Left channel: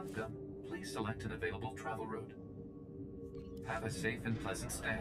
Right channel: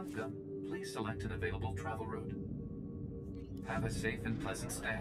Welcome. Please select an available travel route. Have a safe and pleasant stay.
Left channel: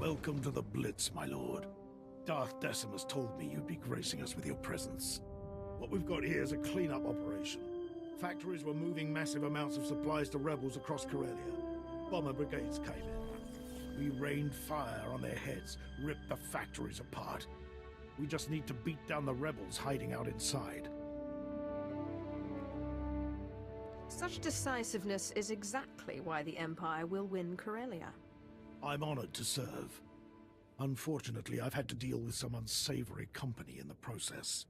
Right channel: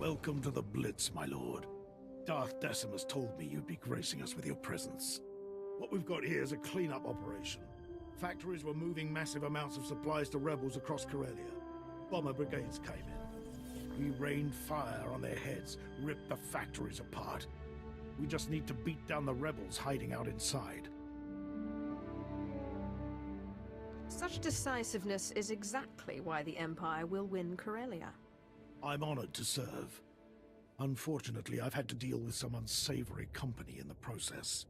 Welcome to the Blitz, my lord. Darth Decimus told me you'd be gracing us with your presence. What we've got here is a cleanup operation. Factories were moving massive amounts of supplies to rebels across Corellia. Bomber brigades came in. We rained fire on their heads, ripped the factories apart. We just need to beat down the rebels hiding out inside. Such decisiveness is exactly why the Empire will win Corellia. I'm honored to serve. Unfortunately, I've had to deal with some unsavory company in the process.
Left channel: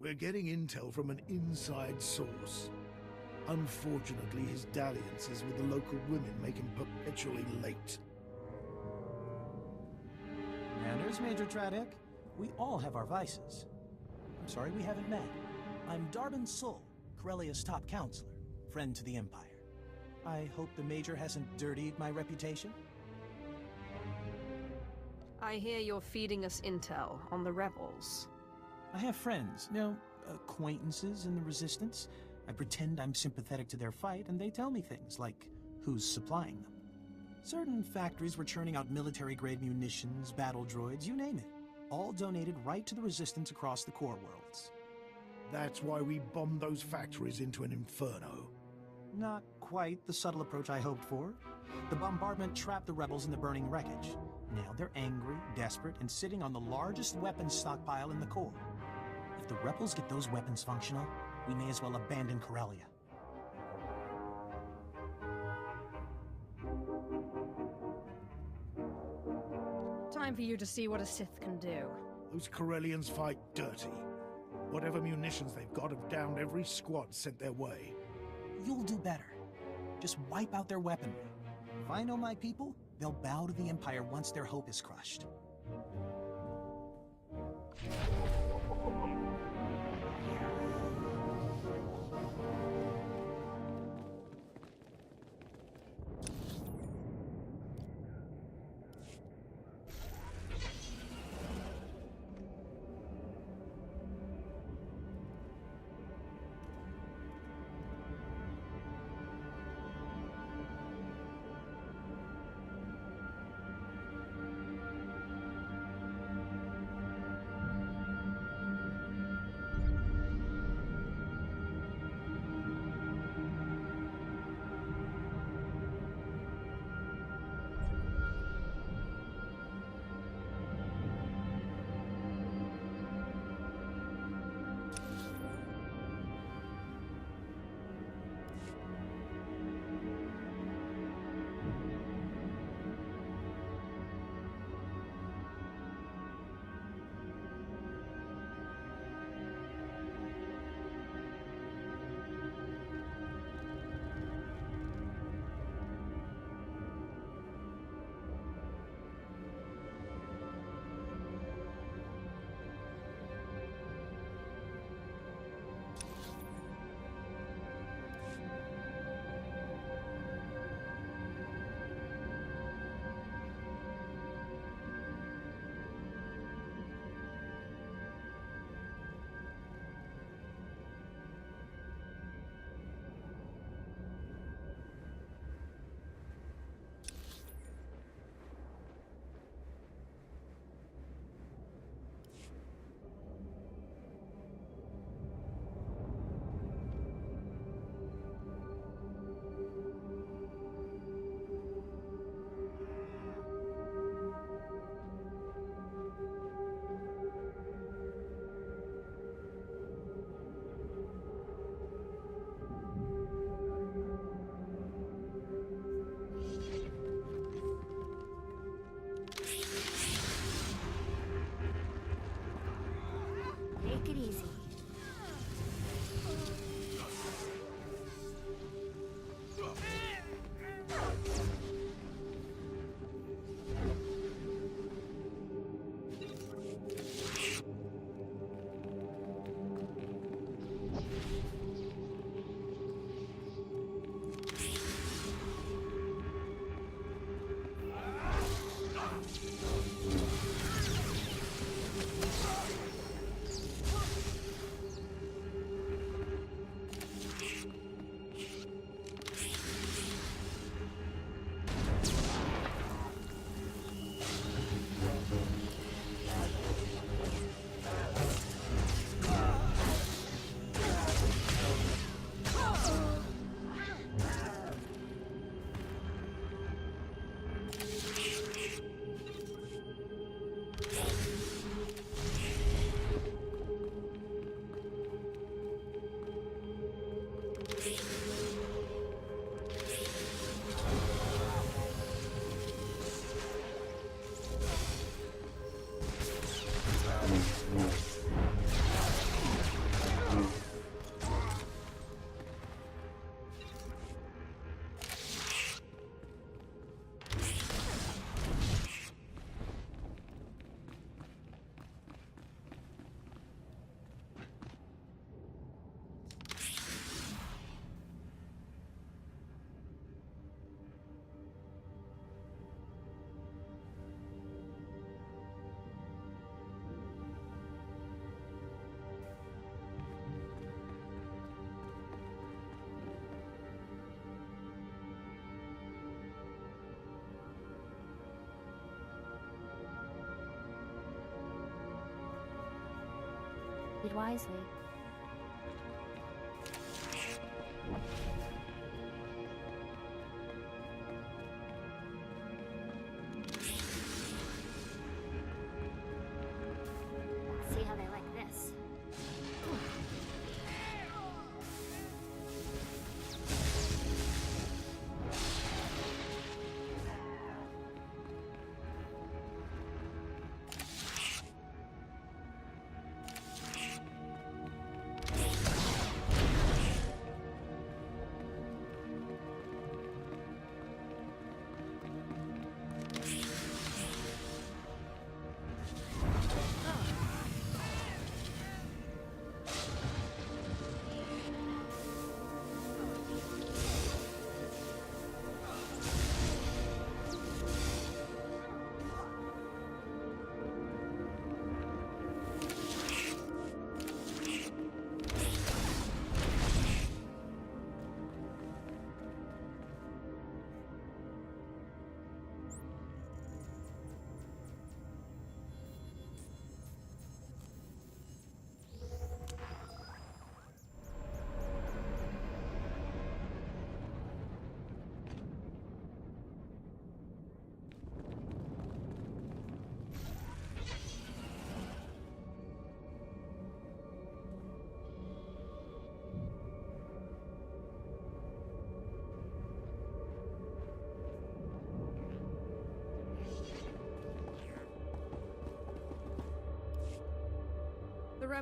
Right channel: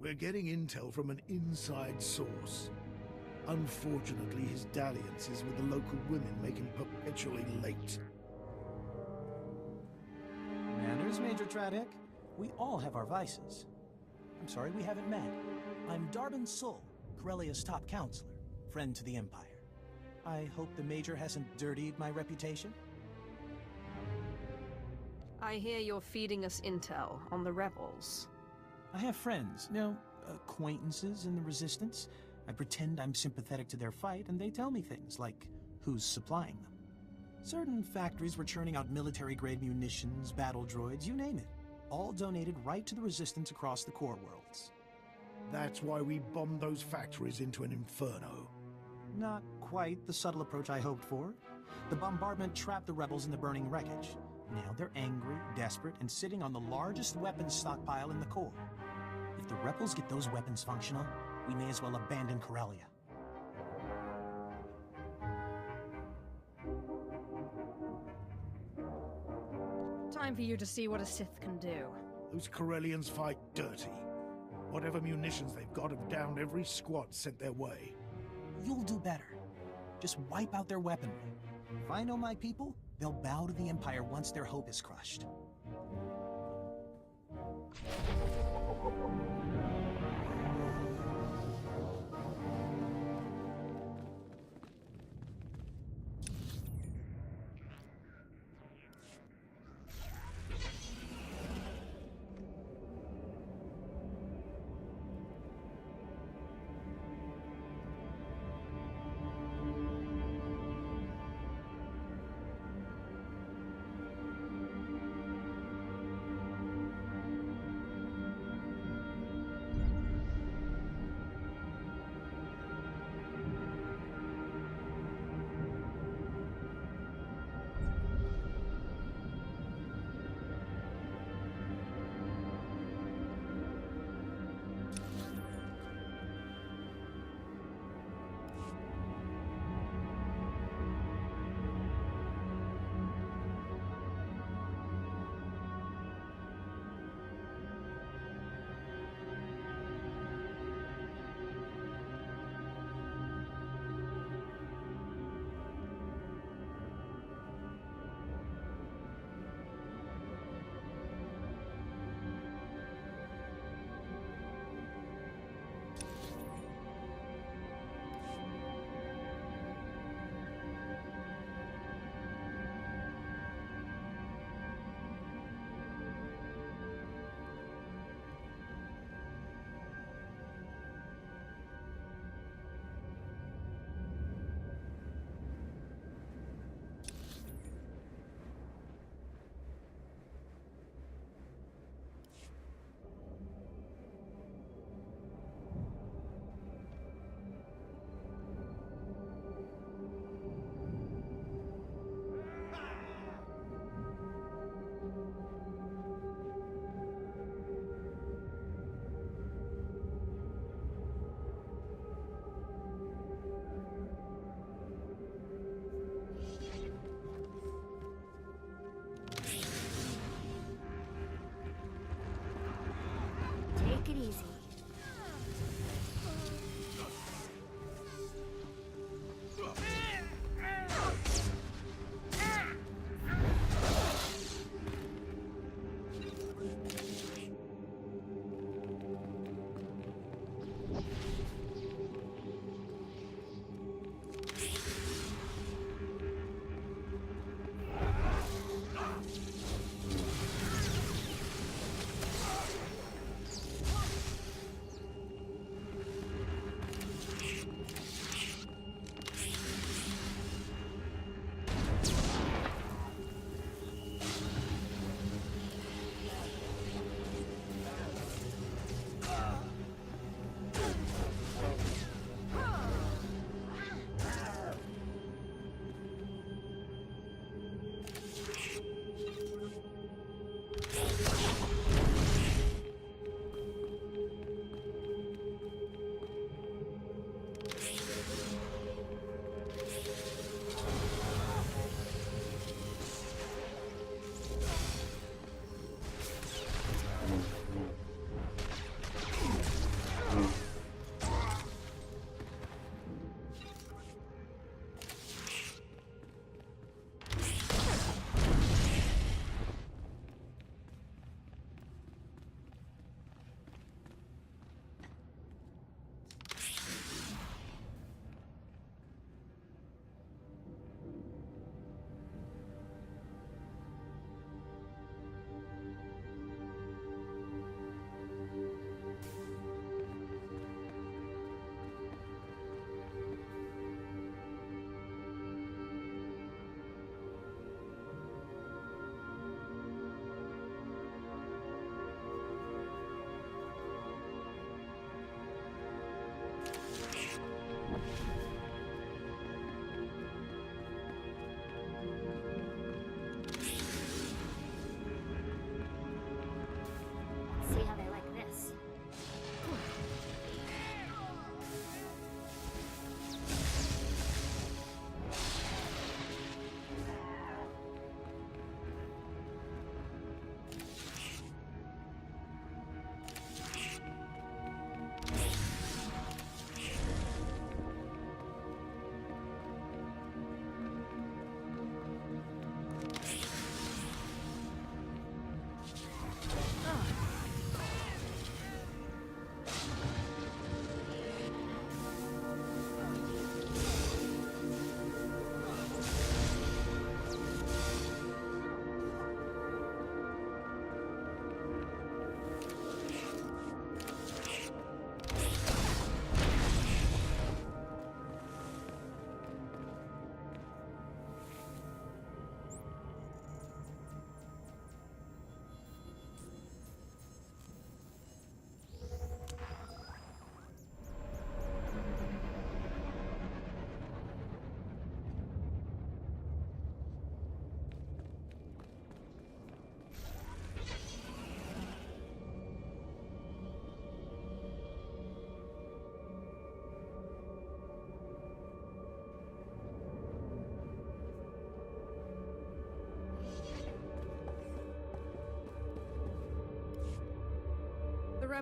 We're getting intel from an inside source. Unfortunately, his dalliances with the local women make him perpetually late. Manners, Major Tradick. We all have our vices. I'm sorry we haven't met. I'm Darbin Sul, Corellia's top counselor, friend to the Empire. I hope the Major hasn't dirtied my reputation. I hear you're feeding us intel on the rebels. I have friends, acquaintances in the Resistance. I pretend I'm sympathetic to their fight, and they tell me things like who's supplying them. Certain factories were churning out military-grade munitions, battle droids, you name it. All donated right to the Resistance across the core worlds. That's why we bombed those factories into an inferno. Not quite the subtle approach I hoped for. The bombardment trapped the rebels in the burning wreckage. Now they're angry, desperate, and sitting on the largest weapons stockpile in the core. If the rebels get those weapons functional, we may as well abandon Corellia. Time for you to see what a Sith can do. Those Corellians fight dirty. Whatever munitions they've got have downed every squad sent their way. You'll do better. Just wipe out their weaponry. If I know my people, they'll bow to the Empire once their hope is crushed.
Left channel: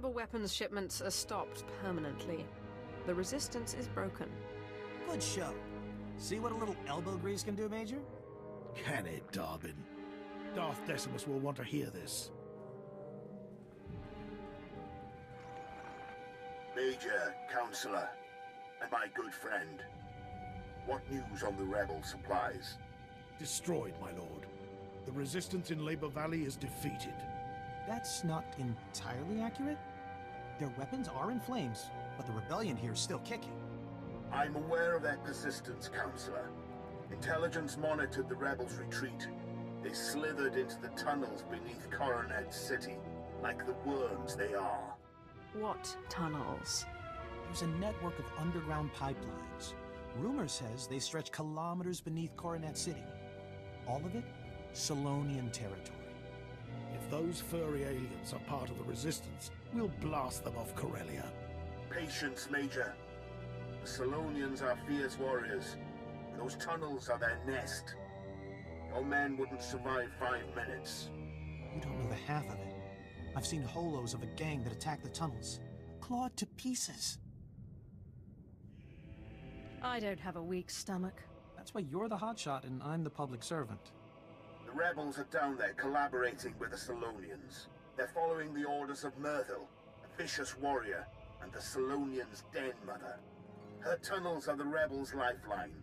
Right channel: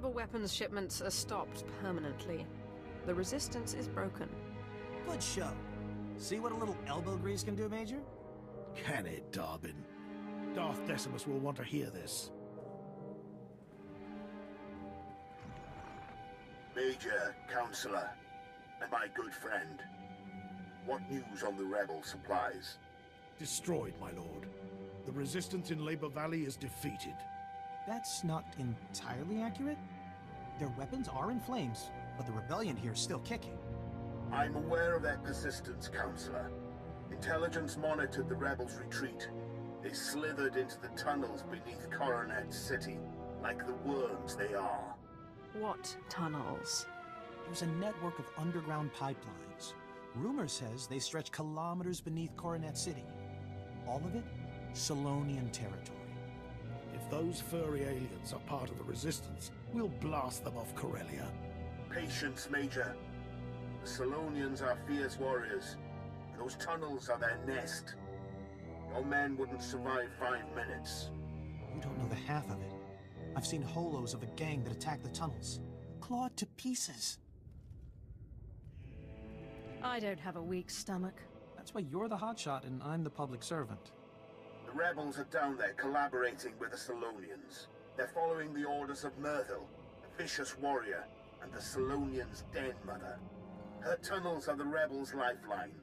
rebel weapons shipments are stopped permanently. The resistance is broken. Good show. See what a little elbow grease can do, Major? Can it, Darbin? Darth Decimus will want to hear this. Major, Counselor, and my good friend. What news on the rebel supplies? Destroyed, my lord. The resistance in Labor Valley is defeated. That's not entirely accurate. Their weapons are in flames, but the rebellion here is still kicking. I'm aware of their persistence, Counselor. Intelligence monitored the rebels' retreat. They slithered into the tunnels beneath Coronet City, like the worms they are. What tunnels? There's a network of underground pipelines. Rumor says they stretch kilometers beneath Coronet City. All of it, Solonian territory. If those furry aliens are part of the resistance, we'll blast them off Corellia. Patience, Major. The Solonians are fierce warriors. Those tunnels are their nest. Your men wouldn't survive 5 minutes. You don't know the half of it. I've seen holos of a gang that attacked the tunnels, clawed to pieces. I don't have a weak stomach. That's why you're the hotshot and I'm the public servant. The rebels are down there collaborating with the Solonians. They're following the orders of Myrtle, a vicious warrior, and the Solonians' den mother. Her tunnels are the rebels' lifeline,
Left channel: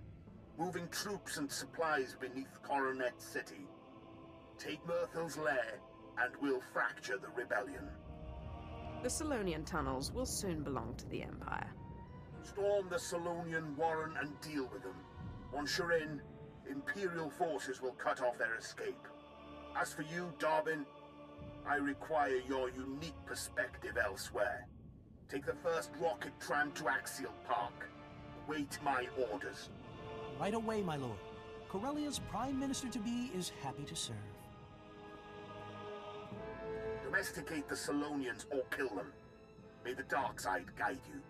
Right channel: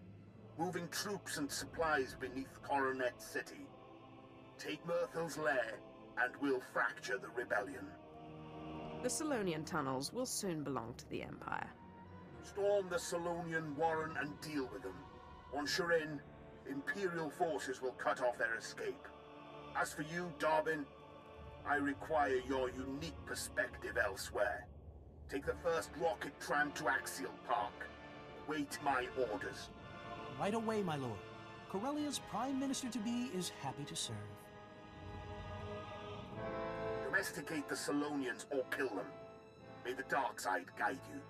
moving troops and supplies beneath Coronet City. Take Myrtle's lair, and we'll fracture the rebellion. The Solonian tunnels will soon belong to the Empire. Storm the Solonian Warren and deal with them. Once you're in, Imperial forces will cut off their escape. As for you, Darbin, I require your unique perspective elsewhere. Take the first rocket tram to Axial Park. Await my orders. Right away, my lord. Corellia's Prime Minister-to-be is happy to serve. Domesticate the Solonians or kill them. May the dark side guide you.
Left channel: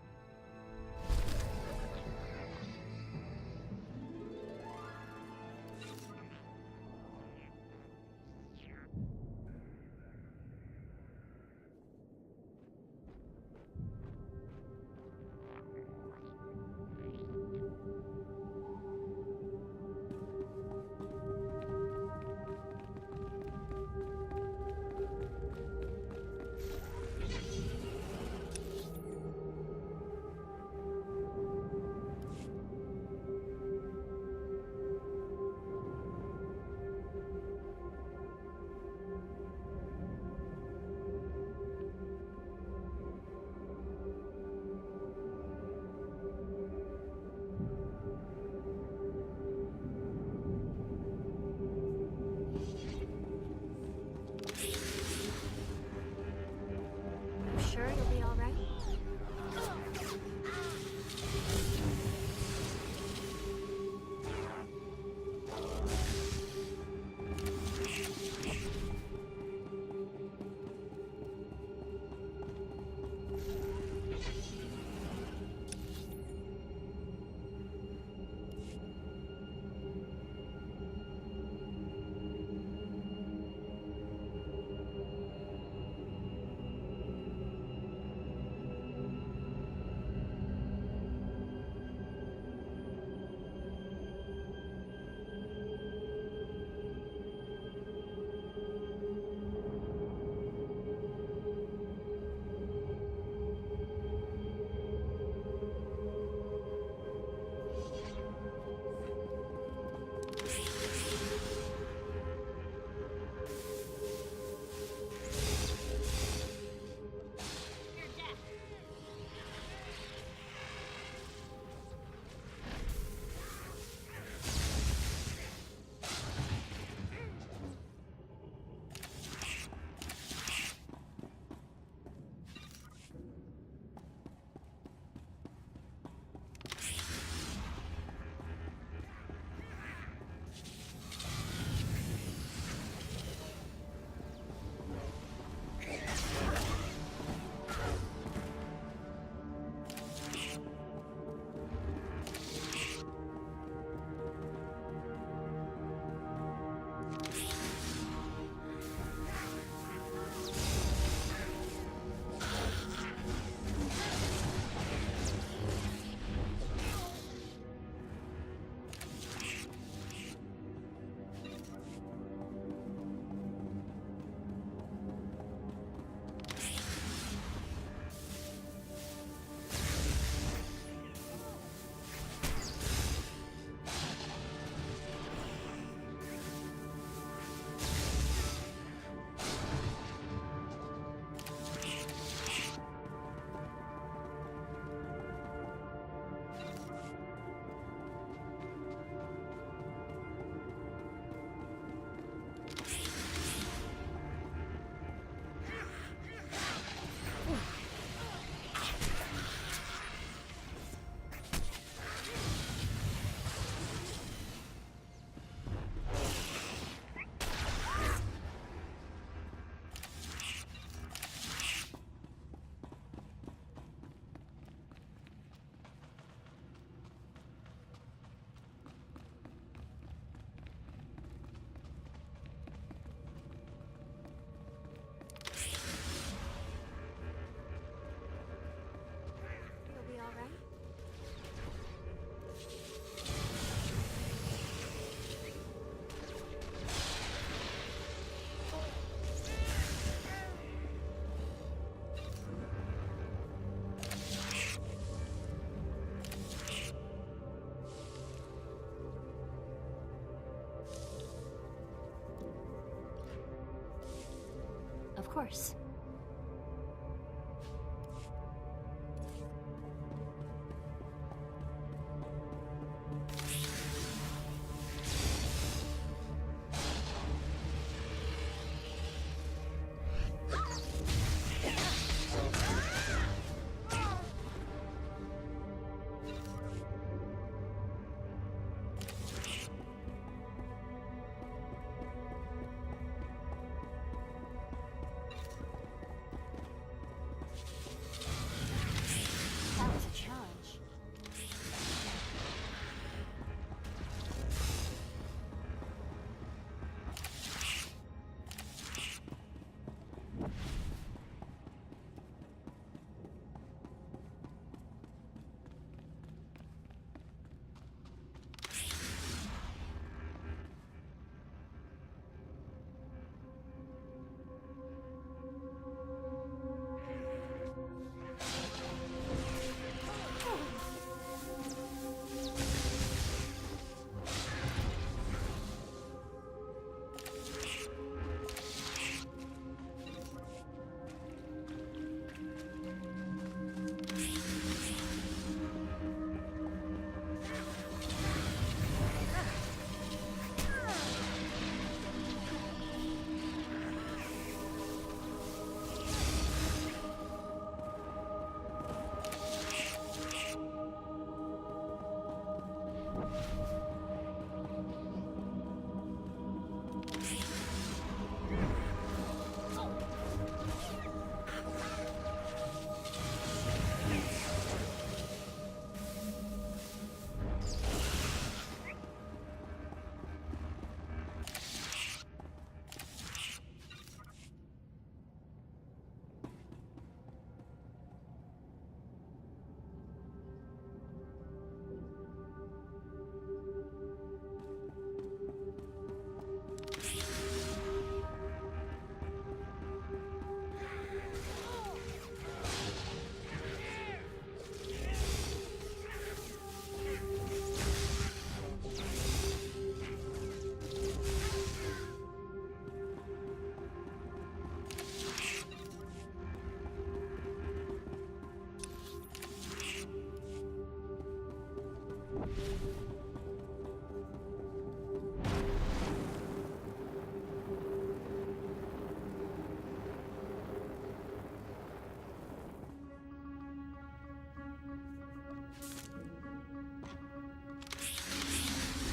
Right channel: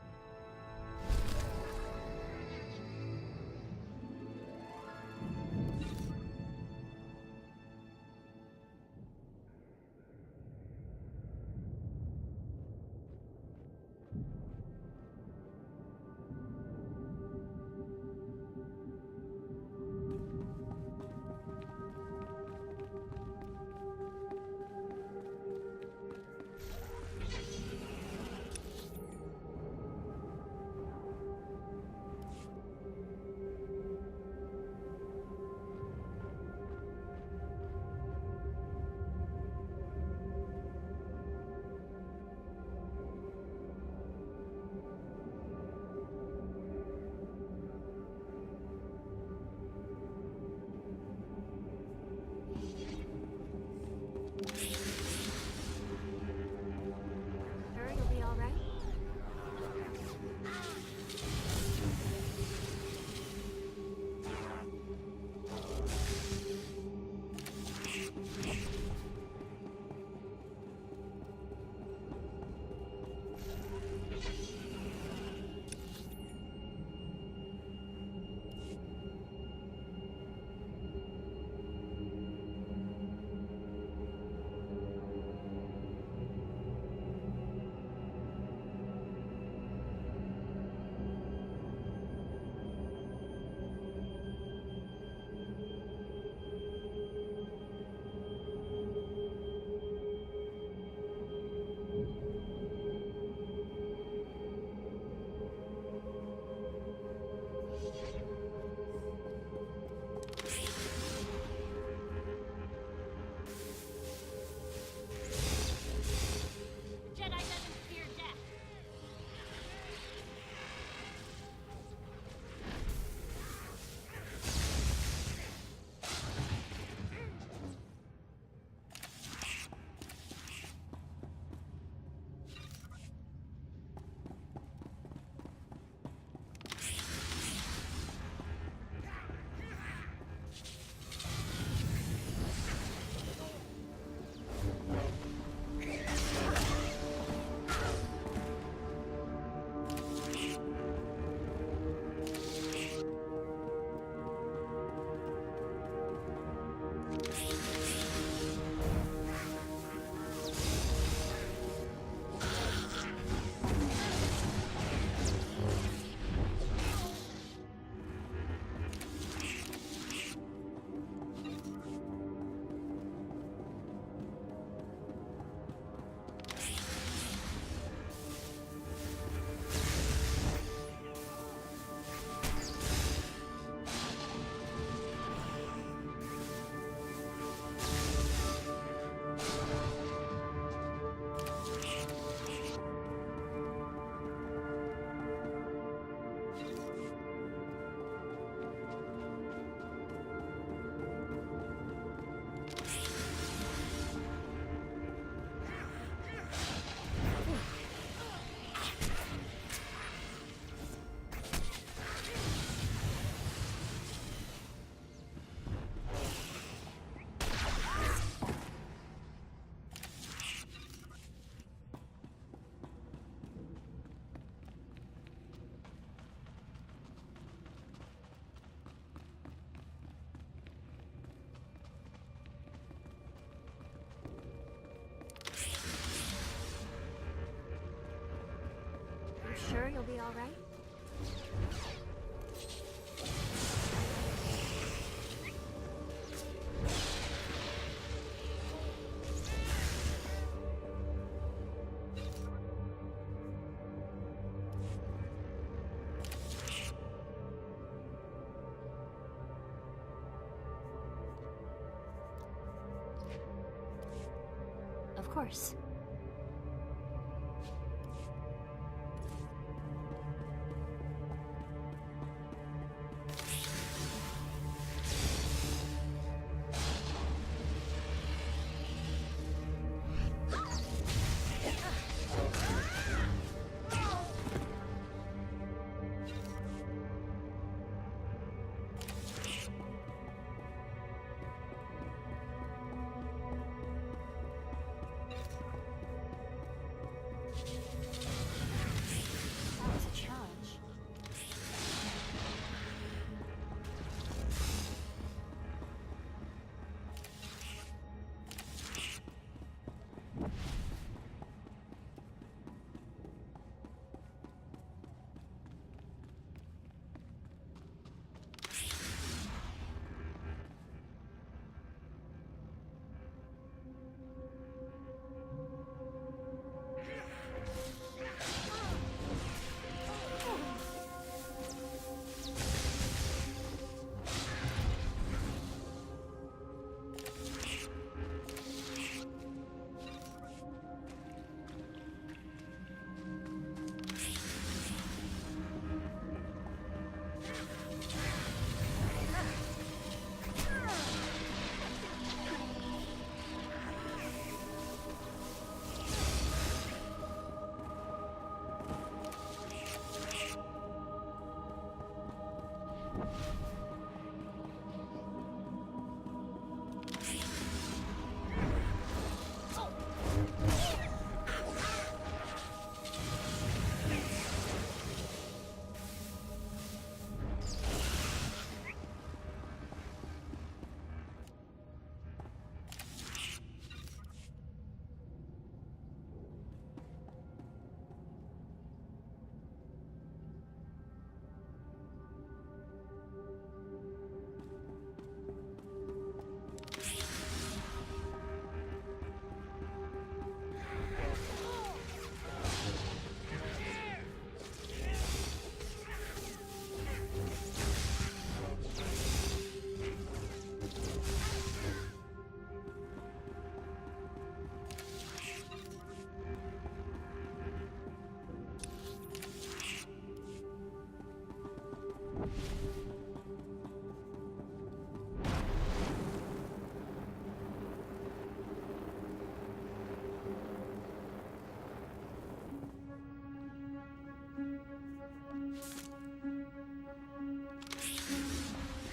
sure you'll be all right? Of course. That was a challenge.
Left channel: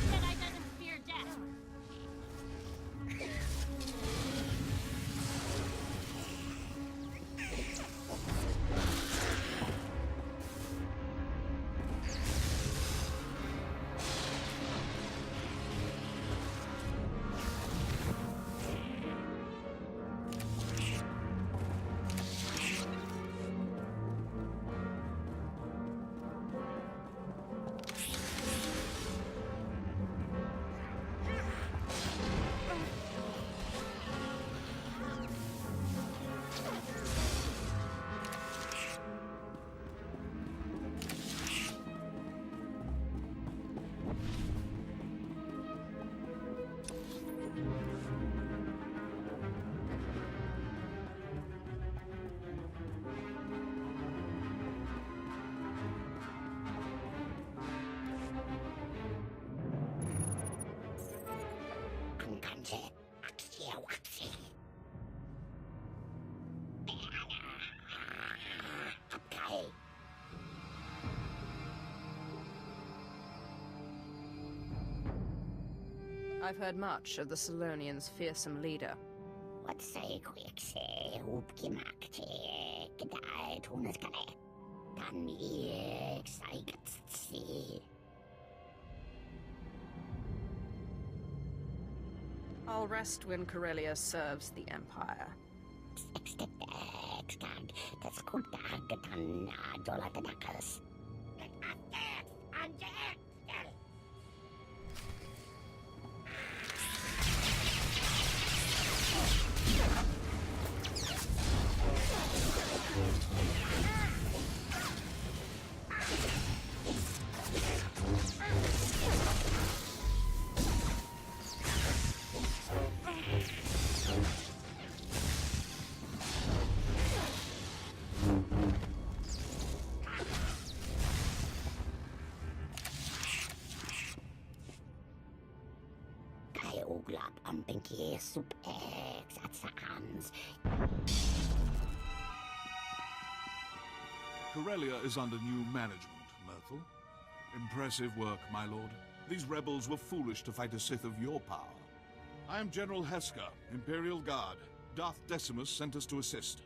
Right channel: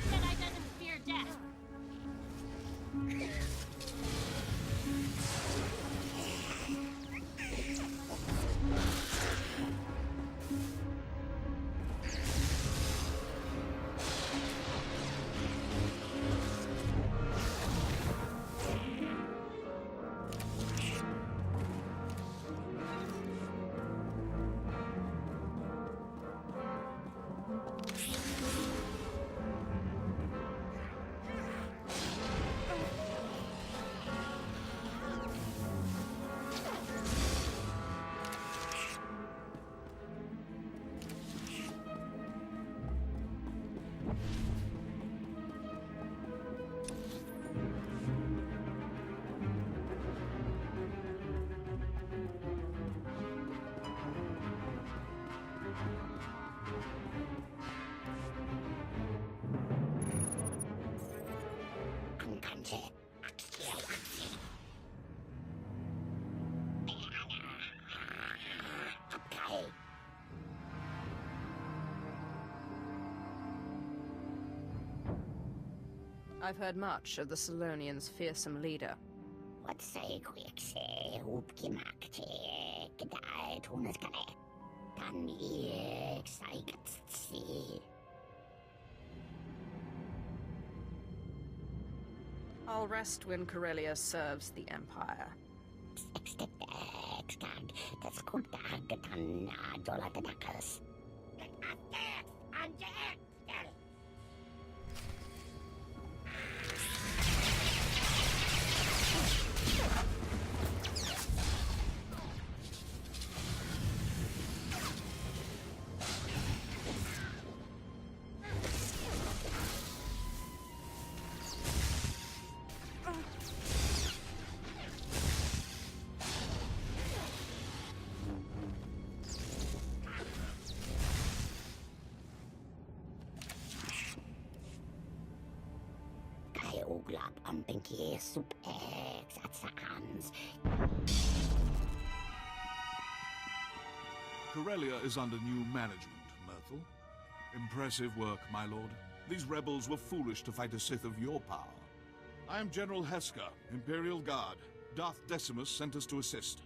Jedi doesn't fear death. I've heard much of the Salonians' fearsome leader. Wat zei ik op gemaakt, gedaan toen het kan. Dan ik zei het zie. I'll rest when Corellia serves the Empire. Ik kan dat Kutagatan Dolatanakas. Uglap ang pinky sup-ex at sakans. Corellia is under new management, Myrtle. Impressive work, my lord. These rebels were foolish to fight a Sith of your power. I am General Heska, Imperial Guard. Darth Decimus sent us to assist.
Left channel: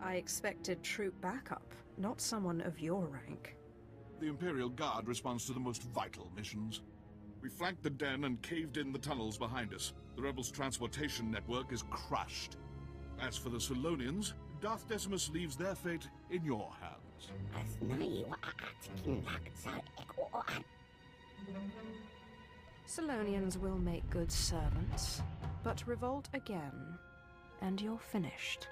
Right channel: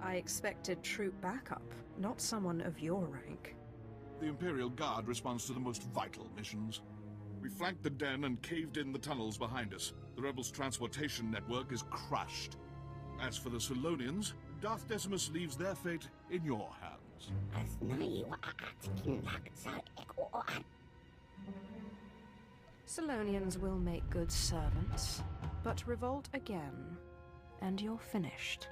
I expected troop backup, not someone of your rank. The Imperial Guard responds to the most vital missions. We flanked the den and caved in the tunnels behind us. The rebels' transportation network is crushed. As for the Solonians, Darth Decimus leaves their fate in your hands. Solonians will make good servants, but revolt again, and you're finished.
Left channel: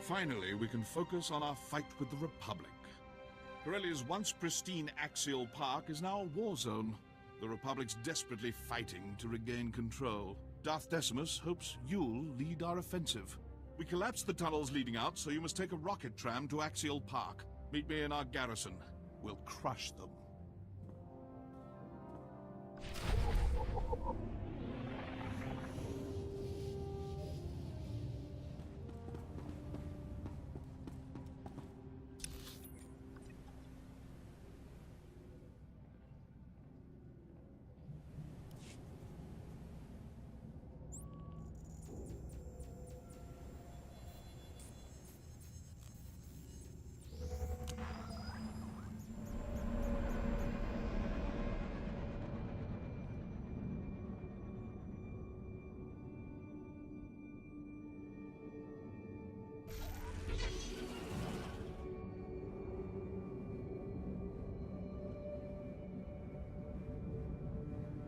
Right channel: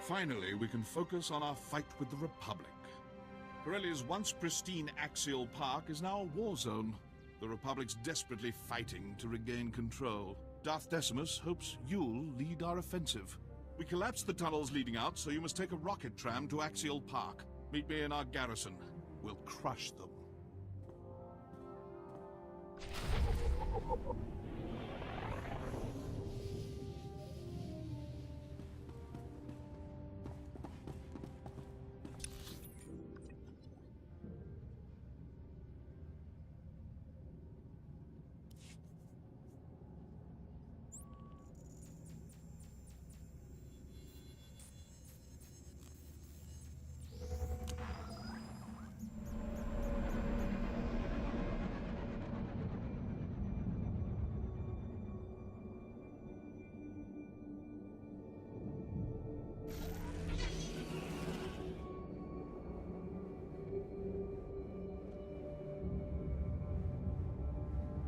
Finally, we can focus on our fight with the Republic. Corellia's once pristine axial park is now a war zone. The Republic's desperately fighting to regain control. Darth Decimus hopes you'll lead our offensive. We collapsed the tunnels leading out, so you must take a rocket tram to Axial Park. Meet me in our garrison. We'll crush them.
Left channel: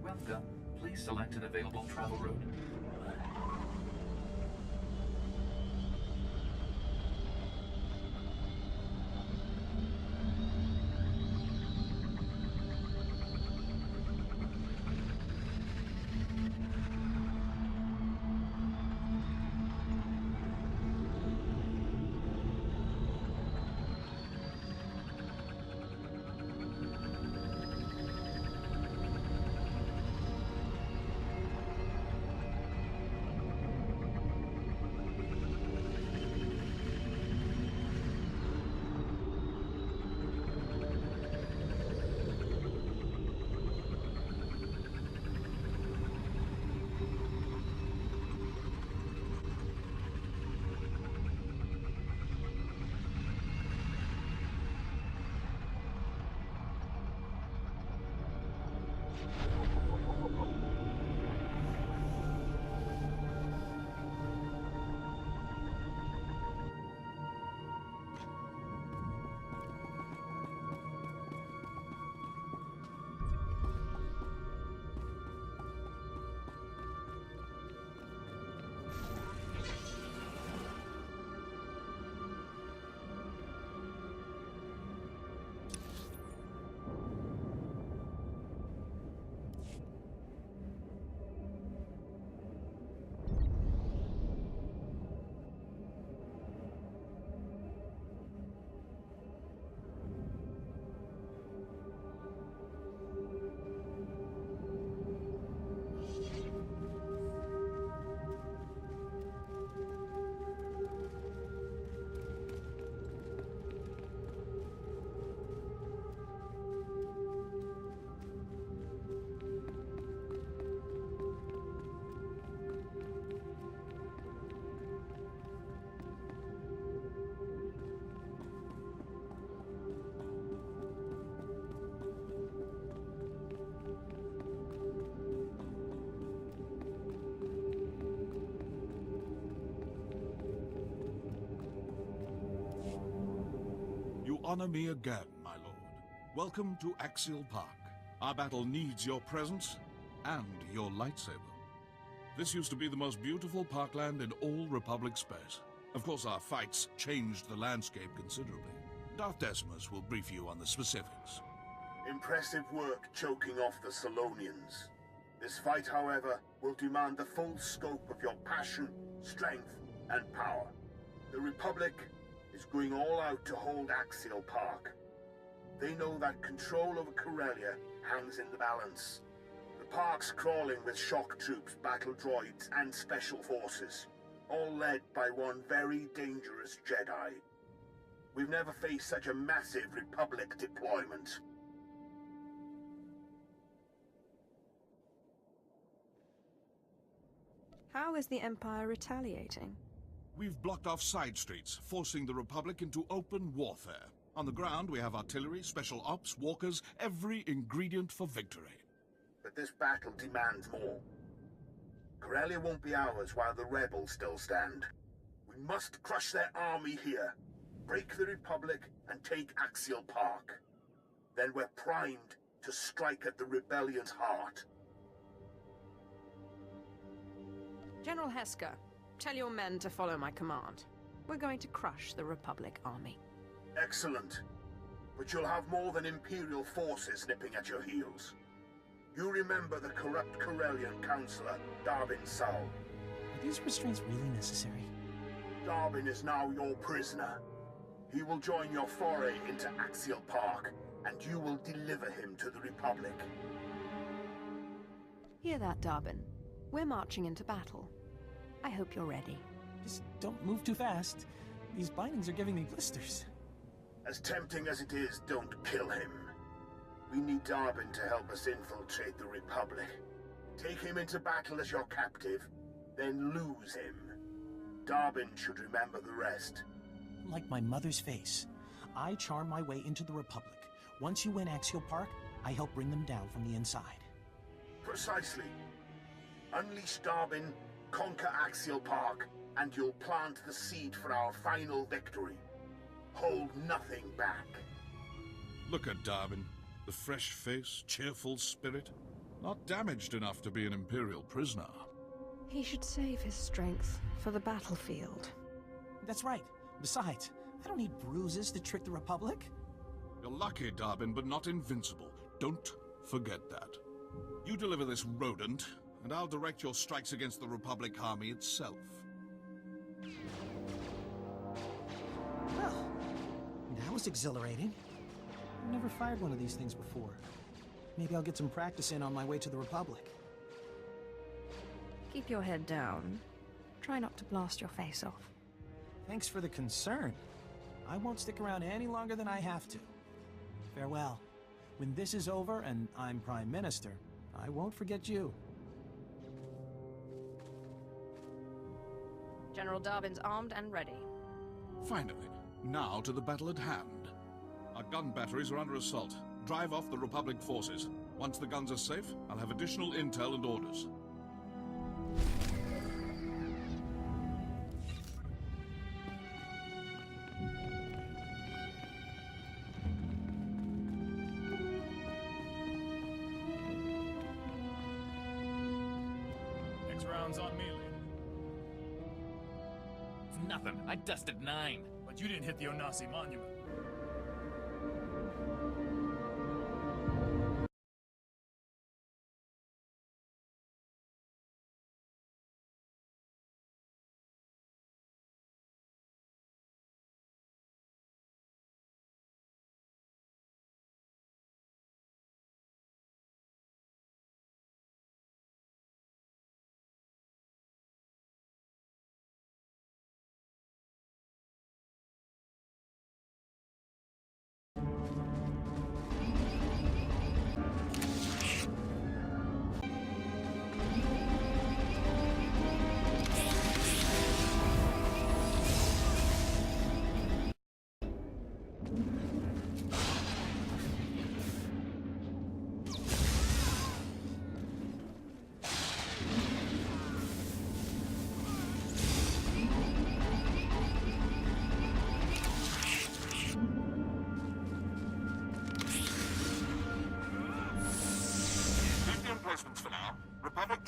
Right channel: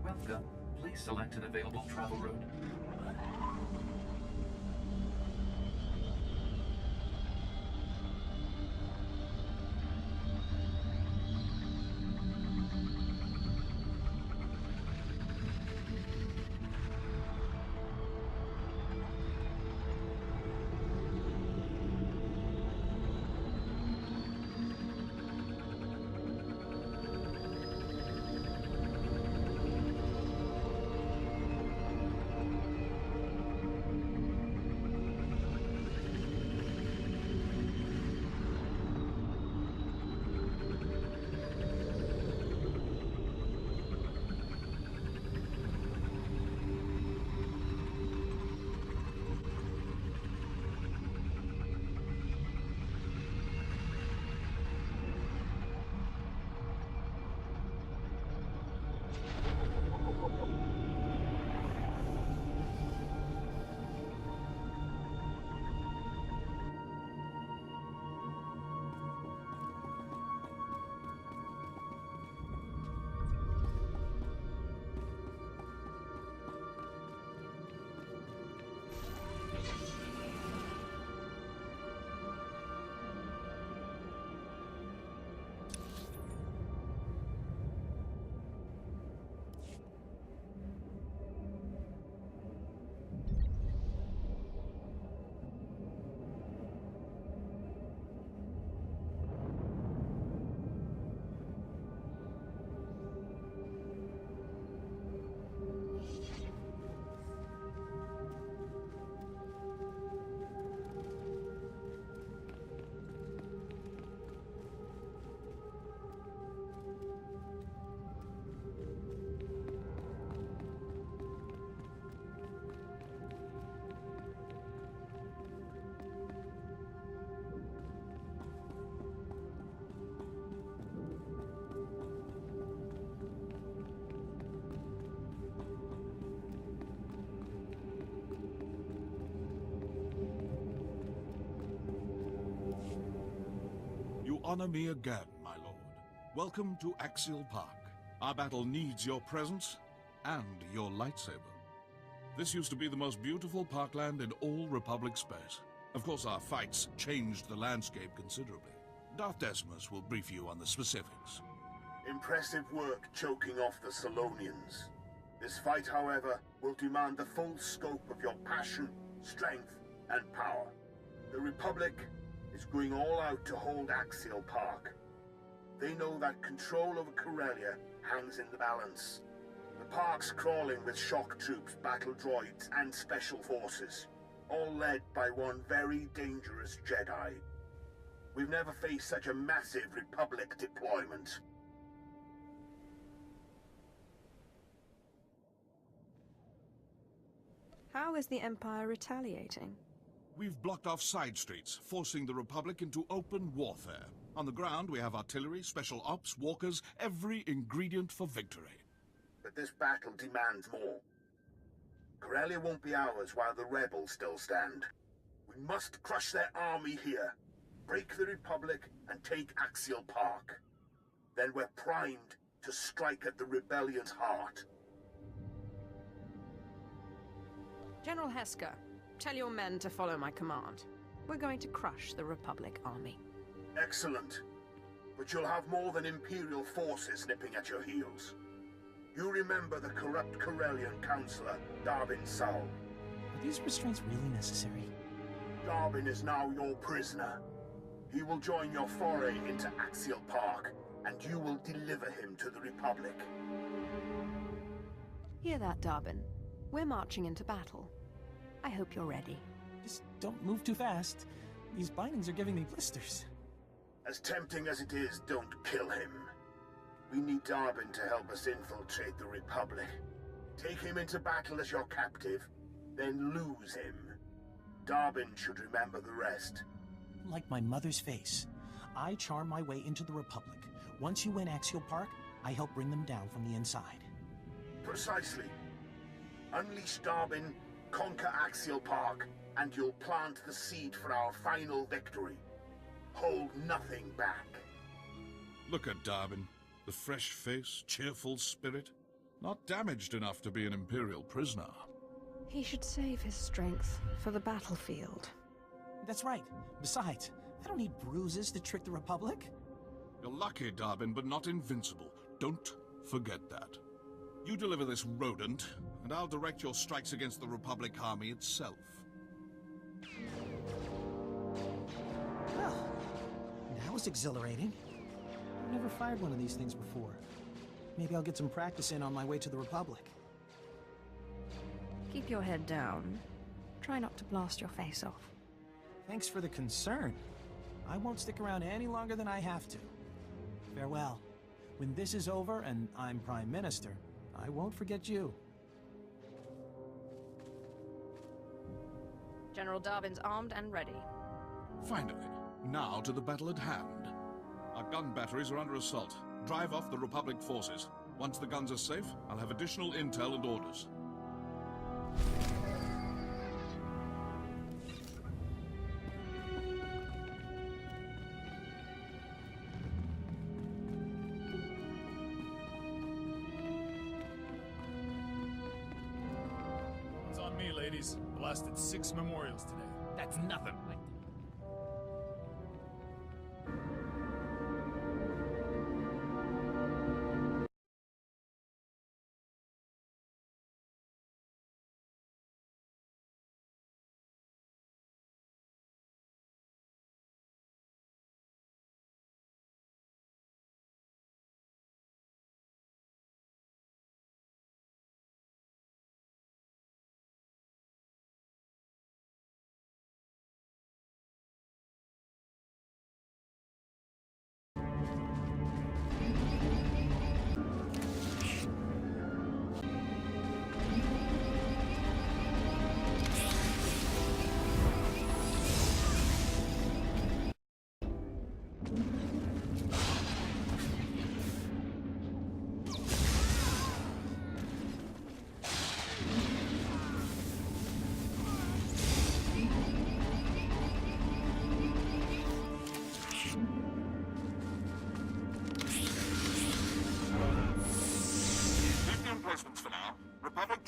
Welcome. Please select an available travel route. honor me again, my lord. Welcome to Axial Park. Our battle needs your presence and your lightsaber. This used to be the most beautiful parkland in all Republic space. Of course, our fights changed the landscape considerably. Darth Decimus will brief you on the specifics. Impressive work choking off the Salonians. This fight, however, will demand the full scope of your passion, strength, and power. The Republic is going all out to hold Axial Park. They know that control over Corellia hangs in the balance. The park's crawling with shock troops, battle droids, and special forces, all led by one very dangerous Jedi. We've never faced such a massive Republic deployment. How is the Empire retaliating? We've blocked off side streets, forcing the Republic into open warfare. On the ground, we have artillery, special ops, walkers, every ingredient for victory. But this battle demands more. Corellia won't be ours while the rebels still stand. We must crush their army here, break the Republic, and take Axial Park. Then we're primed to strike at the rebellion's heart. General Hesker, tell your men to follow my command. We're going to crush the Republic army. Excellent. But you'll have more than Imperial forces nipping at your heels. You remember the corrupt Corellian counselor, Darvin Saul. Are these restraints really necessary? Darvin is now your prisoner. He will join your foray into Axial Park, and you will deliver him to the Republic. Hear that, Darbin? We're marching into battle. I hope you're ready. Just don't move too fast. These bindings are giving me blisters. As tempting as it is, don't kill him. We need Darbin to help us infiltrate the Republic. Take him into battle as your captive, then lose him. Darbin should remember the rest. Like my mother's face. I charm my way into the Republic. Once you win Axial Park, I help bring them down from the inside. Precisely. Unleash Darbin, conquer Axial Park, and you'll plant the seed for our final victory. Hold nothing back. Look at Darwin. The fresh face, cheerful spirit. Not damaged enough to be an Imperial prisoner. He should save his strength for the battlefield. That's right. Besides, I don't need bruises to trick the Republic. You're lucky, Darwin, but not invincible. Don't forget that. You deliver this rodent, and I'll direct your strikes against the Republic army itself. Well, that was exhilarating. I've never fired one of these things before. Maybe I'll get some practice in on my way to the Republic. Keep your head down. Try not to blast your face off. Thanks for the concern. I won't stick around any longer than I have to. Farewell. When this is over and I'm Prime Minister, I won't forget you. General Darbin's armed and ready. Finally, now to the battle at hand. Our gun batteries are under assault. Drive off the Republic forces. Once the guns are safe, I'll have additional intel and orders. Next round's on me, ladies. Blasted 6 memorials today. That's nothing. I dusted 9. But you didn't hit the Onasi Monument.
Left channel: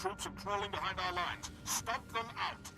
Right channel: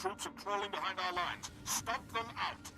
troops are crawling behind our lines. Stop them out!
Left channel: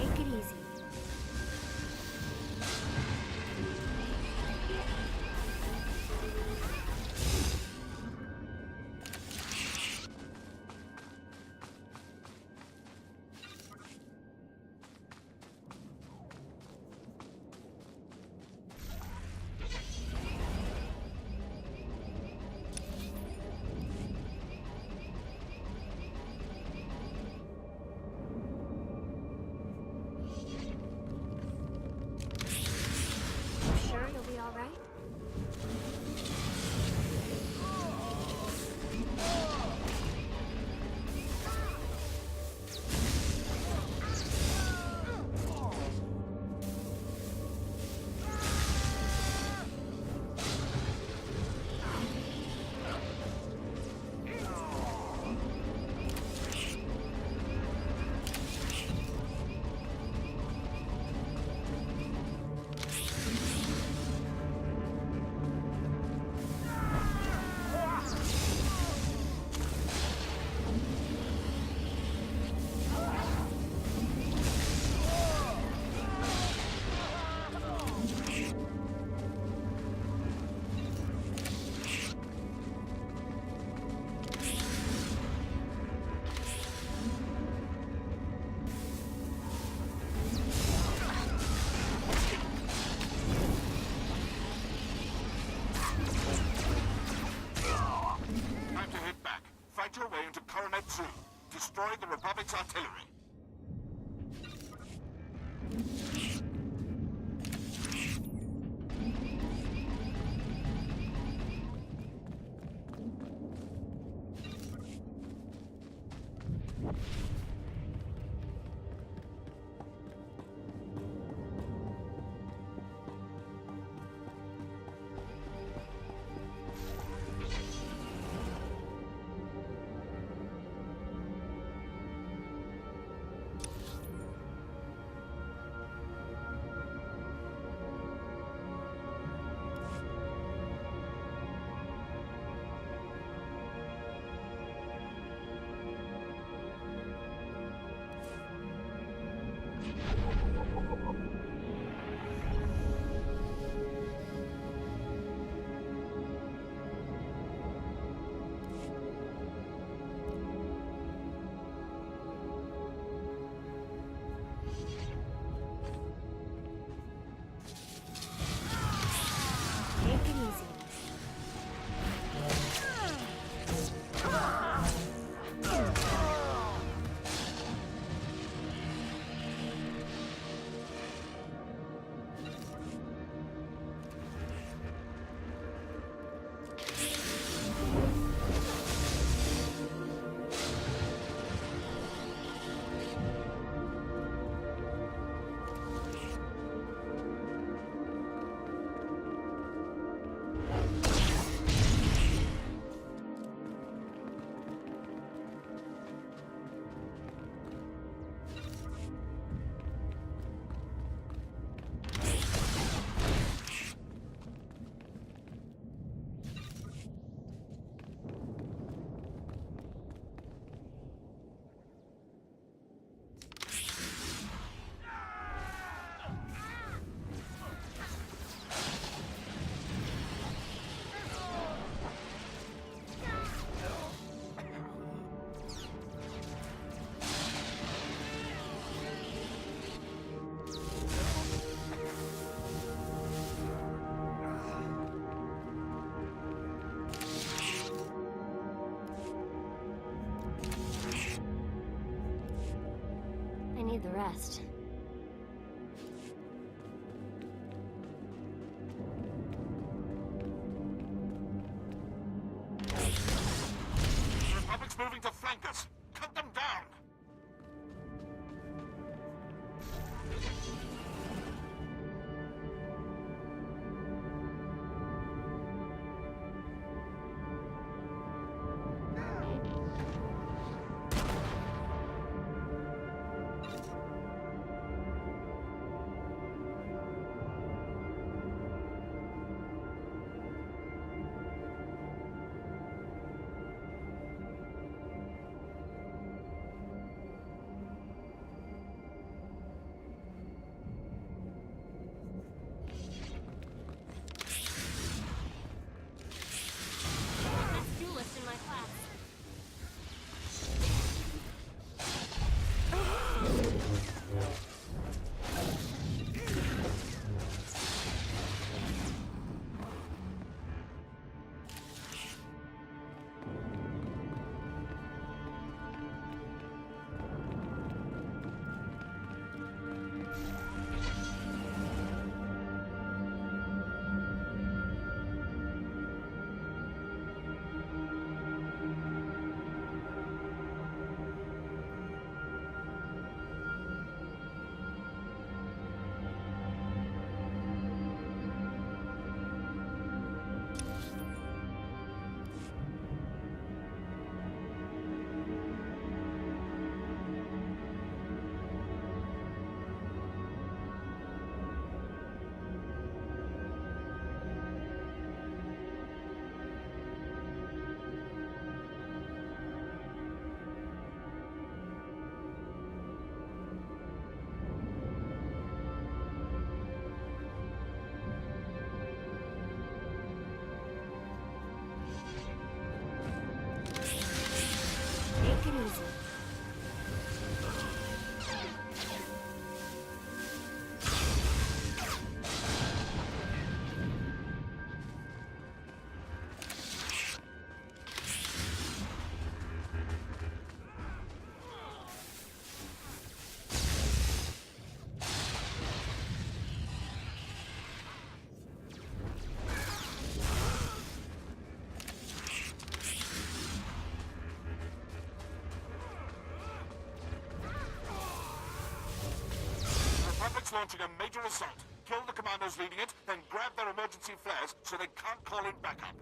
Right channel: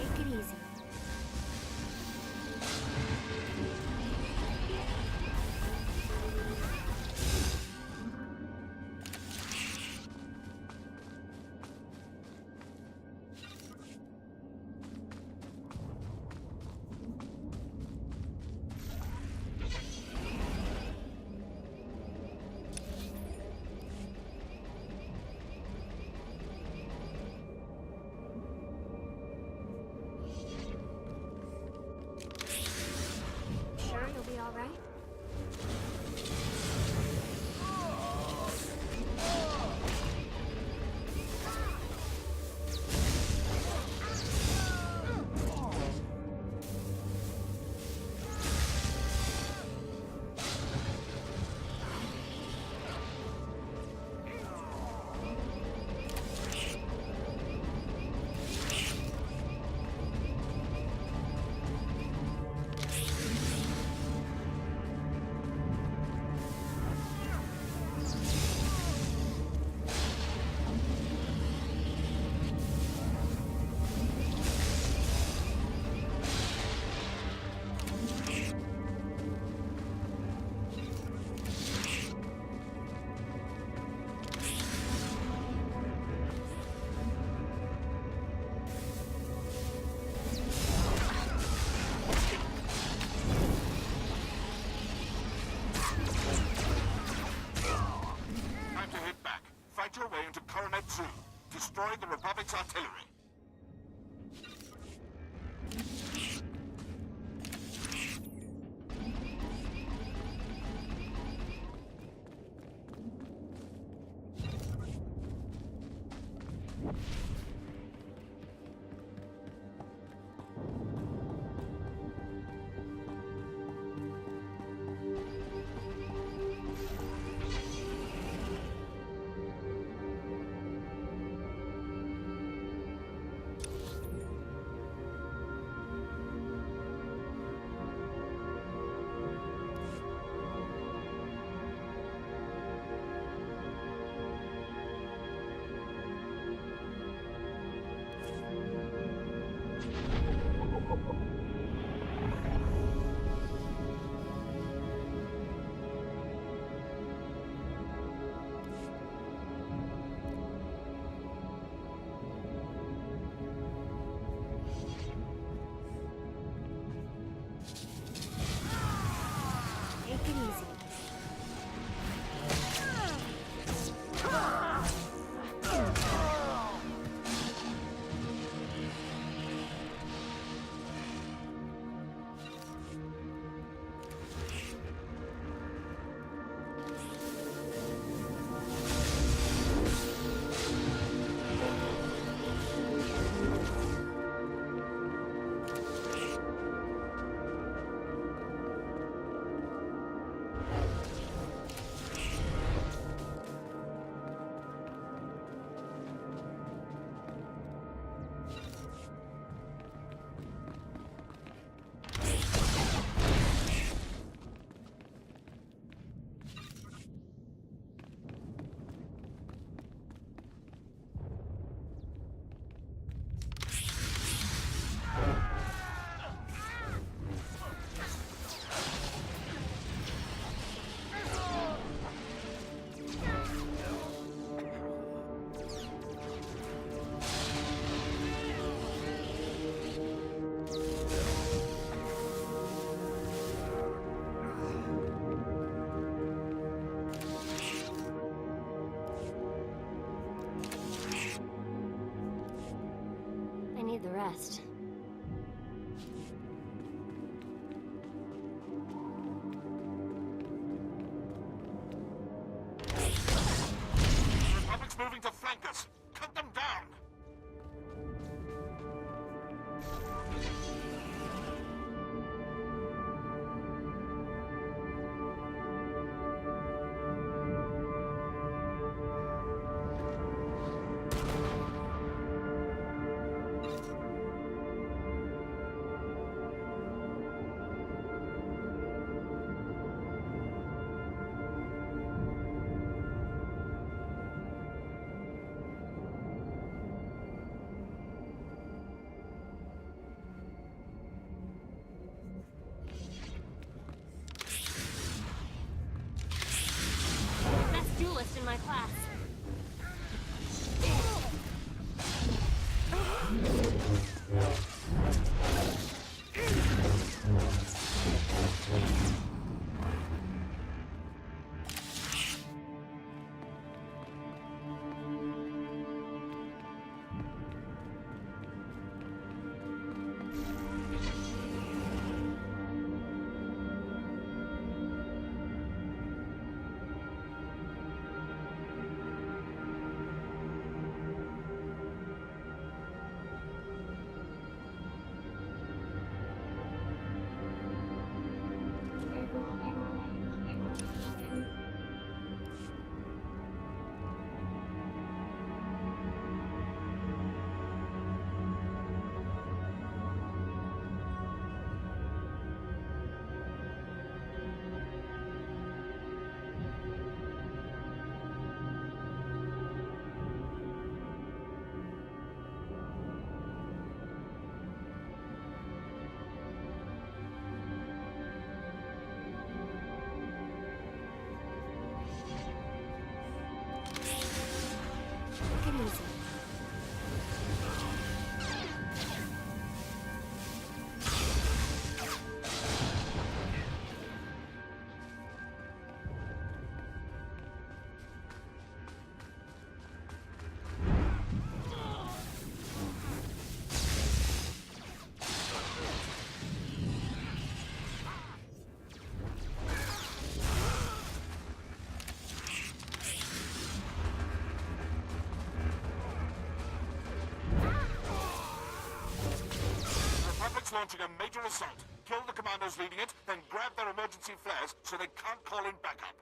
Take it easy. Sure you'll be all right? rest. The Republic's moving to flank us. Cut them down! Best duelist in my class. Take it easy. Republic's launching a major assault. Kill the commandos leading it, then grab their emergency flares so they can't call in backup.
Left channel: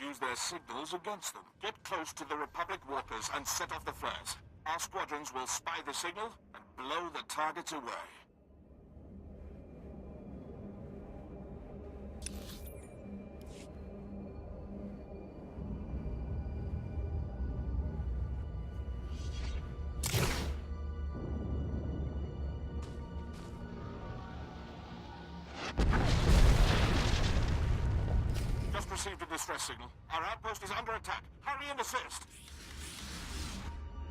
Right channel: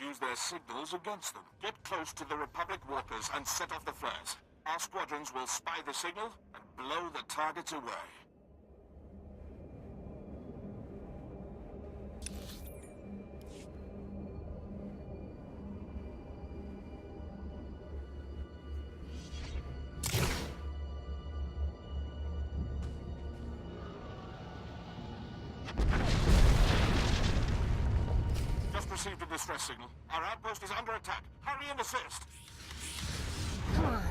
use their signals against them. Get close to the Republic walkers and set off the flares. Our squadrons will spy the signal and blow the targets away. Just received a distress signal. Our outpost is under attack. Hurry and assist! Come on.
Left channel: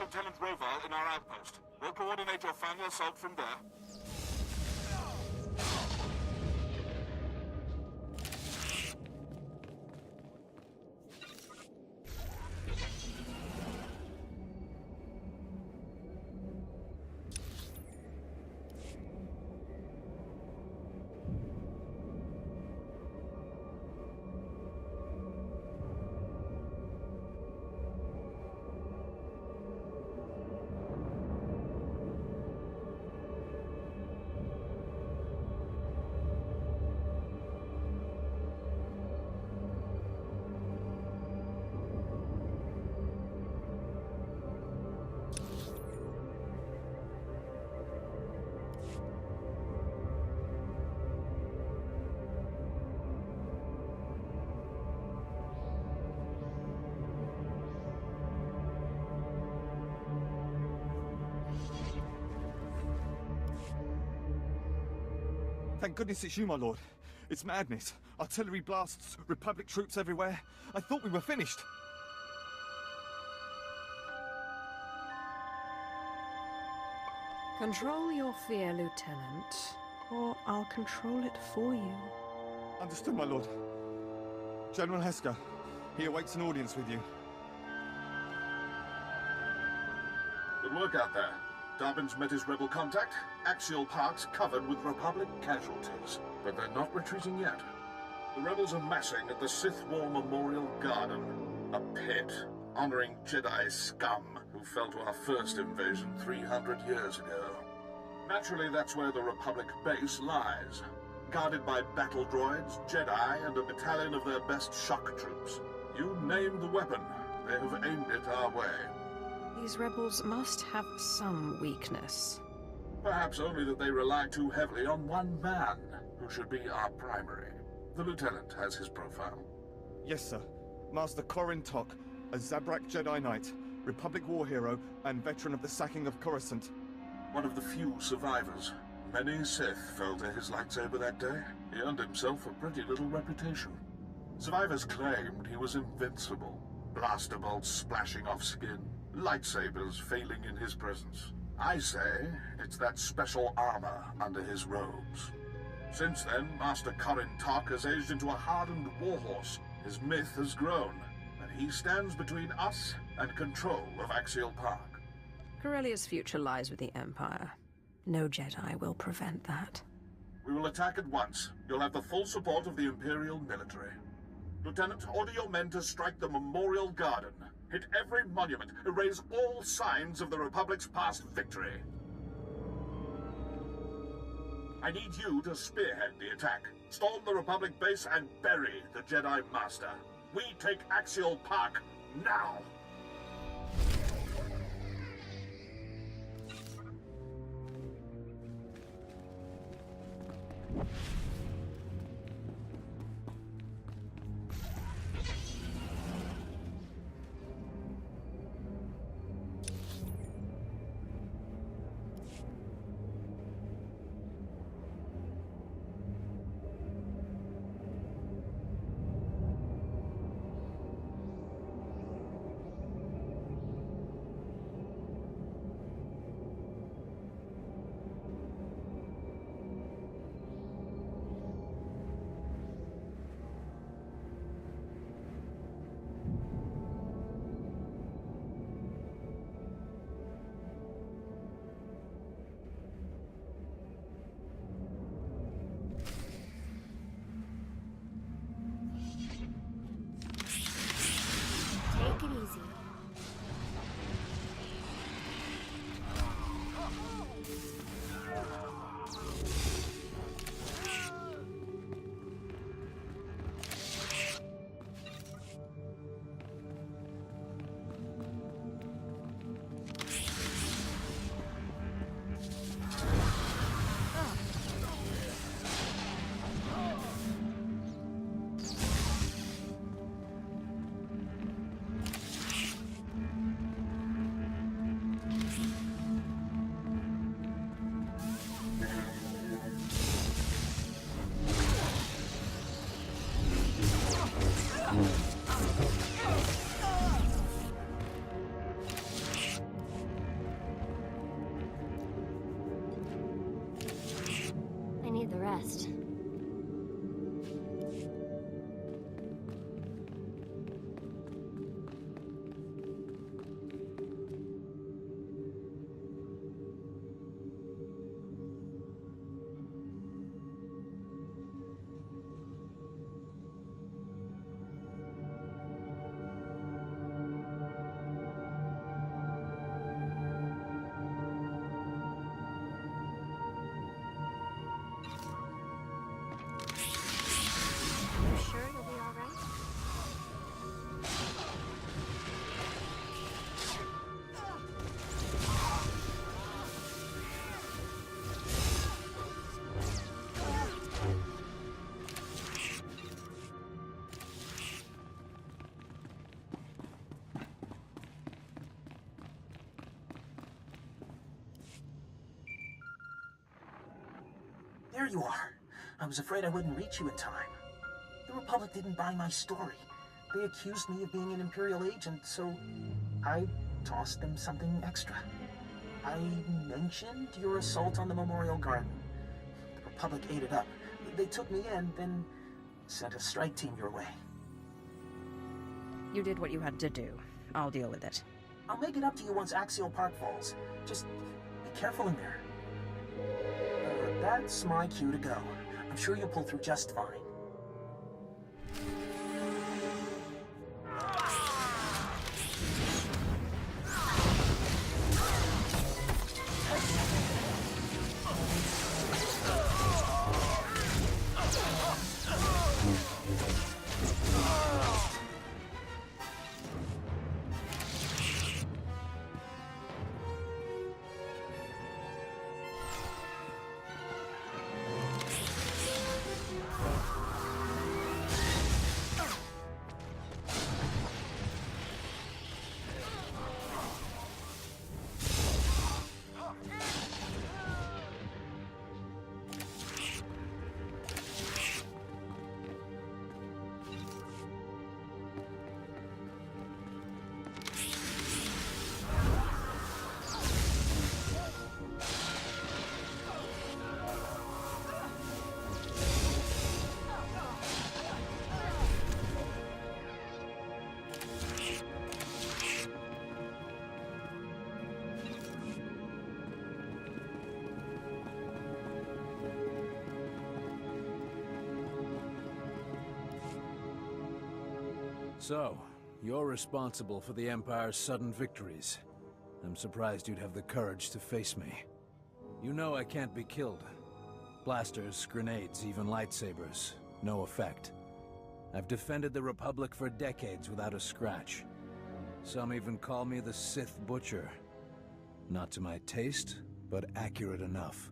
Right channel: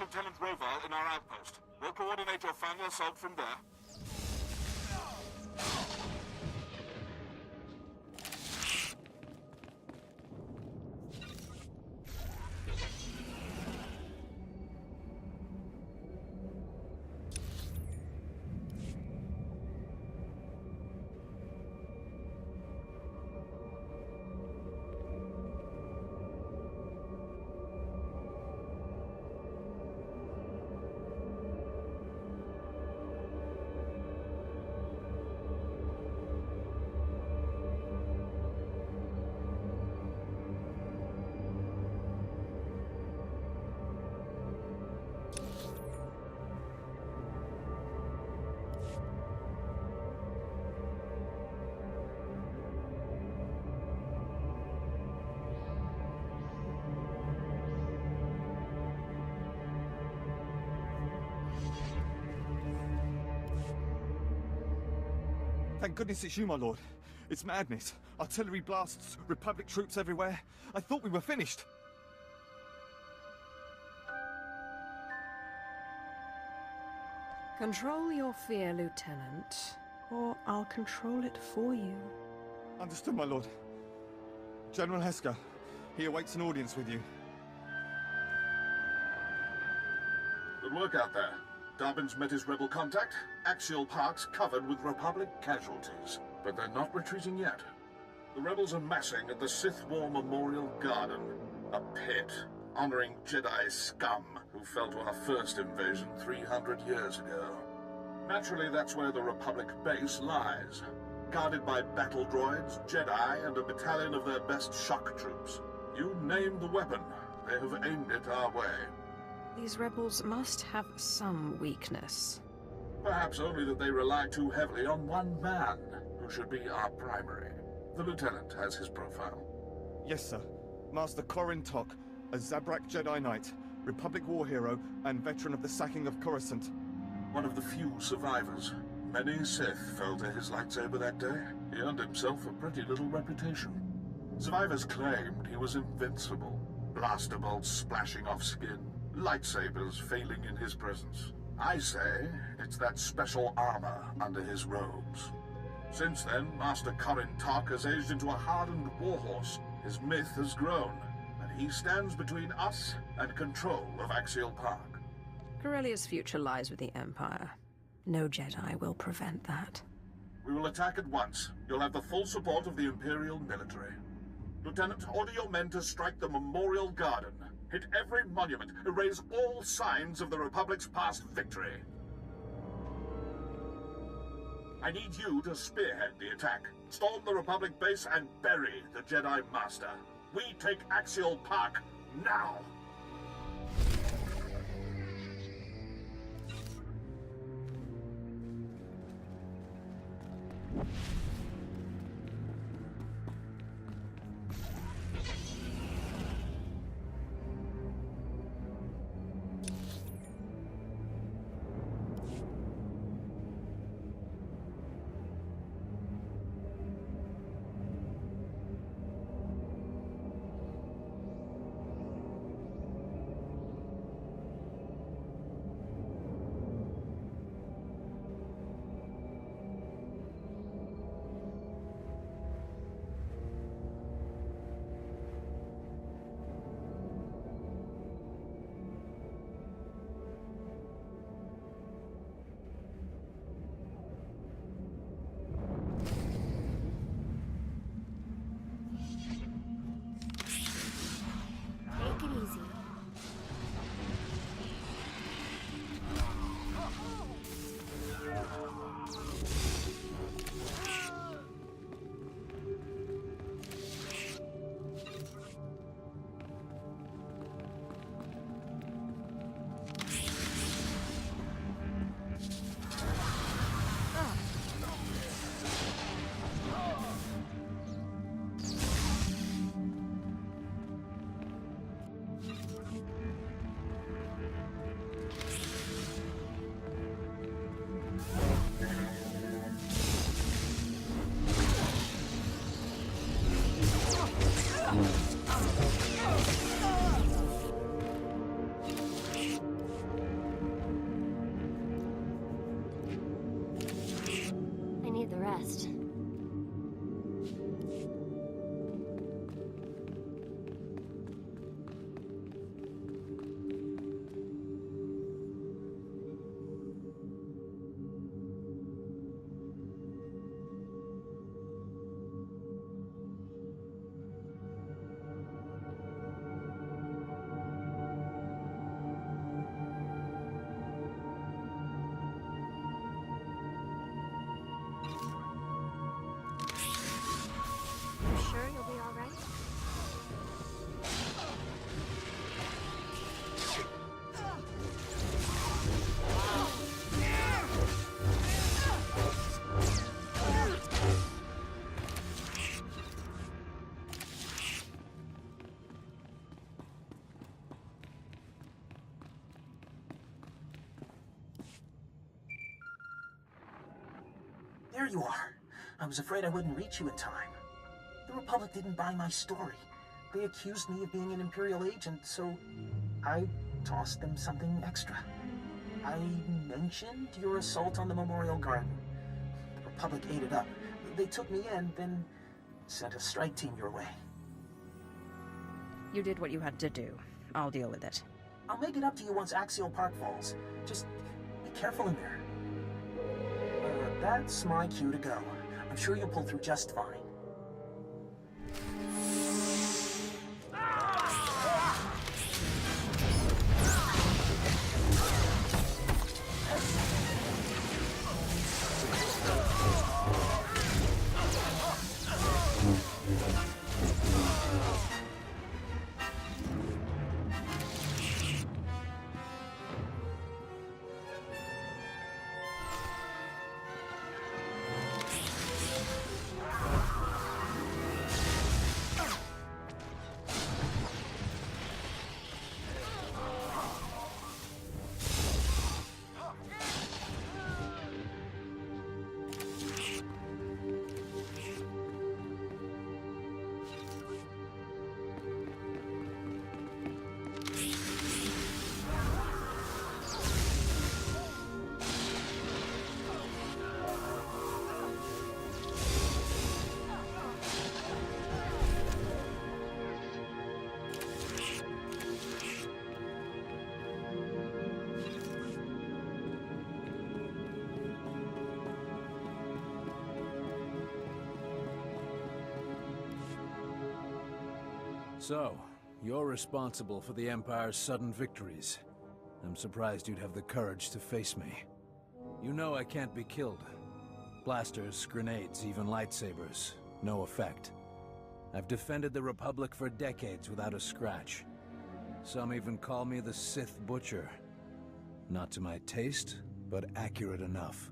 Lieutenant Rovar in our outpost. We'll coordinate your final assault from there. Thank goodness it's you, my lord. It's madness. Artillery blasts, Republic troops everywhere. I thought we were finished. Control your fear, Lieutenant, or I'll control it for you. Understood, my lord. General Heska, he awaits an audience with you. Good work out there. Darwin's met his rebel contact. Axial parks covered with Republic casualties. But they're not retreating yet. The rebels are massing at the Sith War Memorial Garden. A pit honoring Jedi scum who fell to our first invasion 300 years ago. Naturally, that's where the Republic base lies. Guarded by battle droids, Jedi, and a battalion of their best shock troops. You name the weapon. They have aimed it our way. These rebels must have some weakness. Perhaps only that they rely too heavily on one man, who should be our primary. The Lieutenant has his profile. Yes, sir. Master Corrin Tok, a Zabrak Jedi Knight, Republic war hero, and veteran of the sacking of Coruscant. One of the few survivors. Many Sith fell to his lightsaber that day. He earned himself a pretty little reputation. Survivors claimed he was invincible. Blaster bolts splashing off skin, lightsabers failing in his presence. I say it's that special armor under his robes. Since then, Master Corin Tok has aged into a hardened warhorse. His myth has grown, and he stands between us and control of Axial Park. Corellia's future lies with the Empire. No Jedi will prevent that. We will attack at once. You'll have the full support of the Imperial military. Lieutenant, order your men to strike the Memorial Garden. Hit every monument. Erase all signs of the Republic's past victory. I need you to spearhead the attack. Storm the Republic base and bury the Jedi Master. We take Axial Park now! Take it easy. I need the rest. Sure you'll be all right? There you are. I was afraid I wouldn't reach you in time. The Republic didn't buy my story. They accused me of being an Imperial agent, so I tossed them something extra. I mentioned your assault on the Memorial Garden. The Republic ate it up. They took me in, then sent a strike team your way. You did what you had to do. I'll deal with it. I'll make it up to you once Axial Park falls. Just be careful in there. That's my cue to go. I'm sure you'll pull through just fine. So, you're responsible for the Empire's sudden victories. I'm surprised you'd have the courage to face me. You know I can't be killed. Blasters, grenades, even lightsabers. No effect. I've defended the Republic for decades without a scratch. Some even call me the Sith Butcher. Not to my taste, but accurate enough.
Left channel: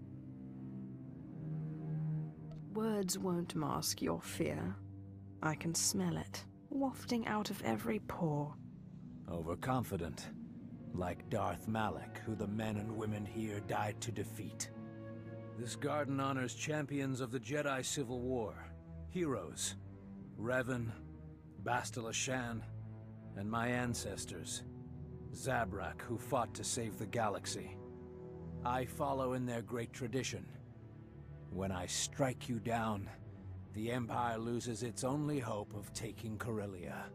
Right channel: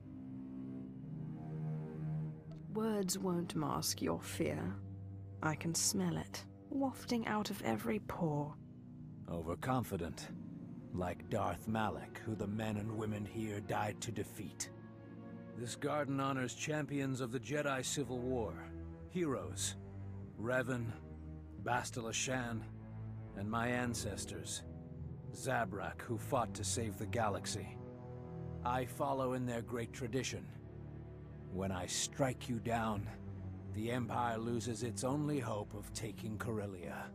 Words won't mask your fear. I can smell it, wafting out of every pore. Overconfident. Like Darth Malak, who the men and women here died to defeat. This garden honors champions of the Jedi Civil War. Heroes. Revan, Bastila Shan, and my ancestors. Zabrak, who fought to save the galaxy. I follow in their great tradition. When I strike you down, the Empire loses its only hope of taking Corellia.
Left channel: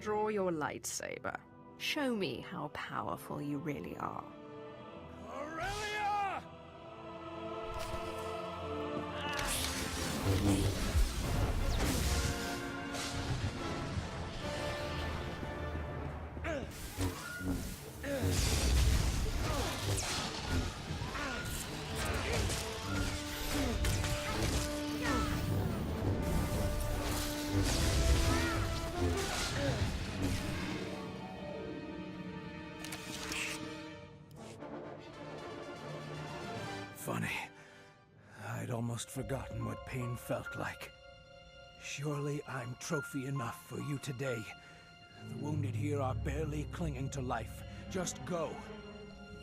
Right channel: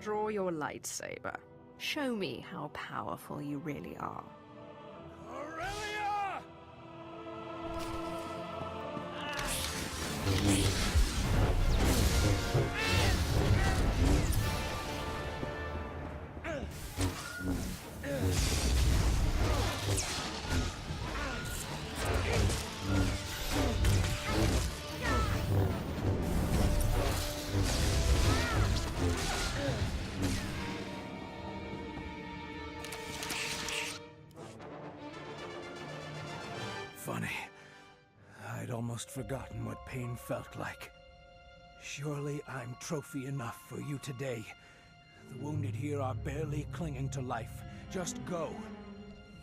Draw your lightsaber. Show me how powerful you really are. Corellia! Funny. I'd almost forgotten what pain felt like. Surely I'm trophy enough for you today. The wounded here are barely clinging to life. Just go.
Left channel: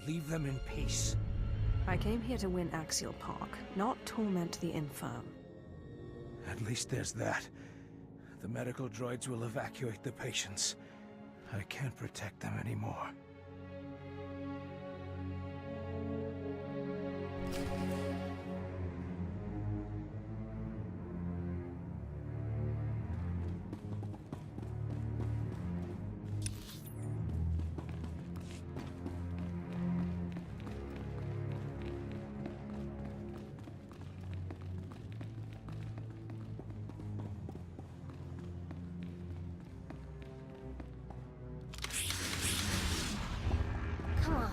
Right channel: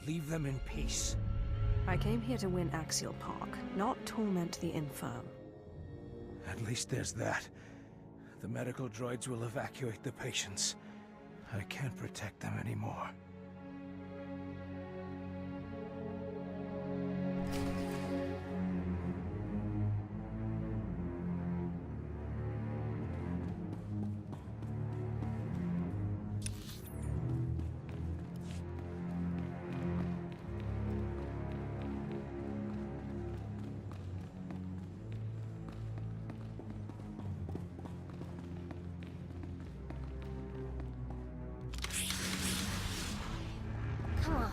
Leave them in peace. I came here to win Axial Park, not torment the infirm. At least there's that. The medical droids will evacuate the patients. I can't protect them anymore. Come on.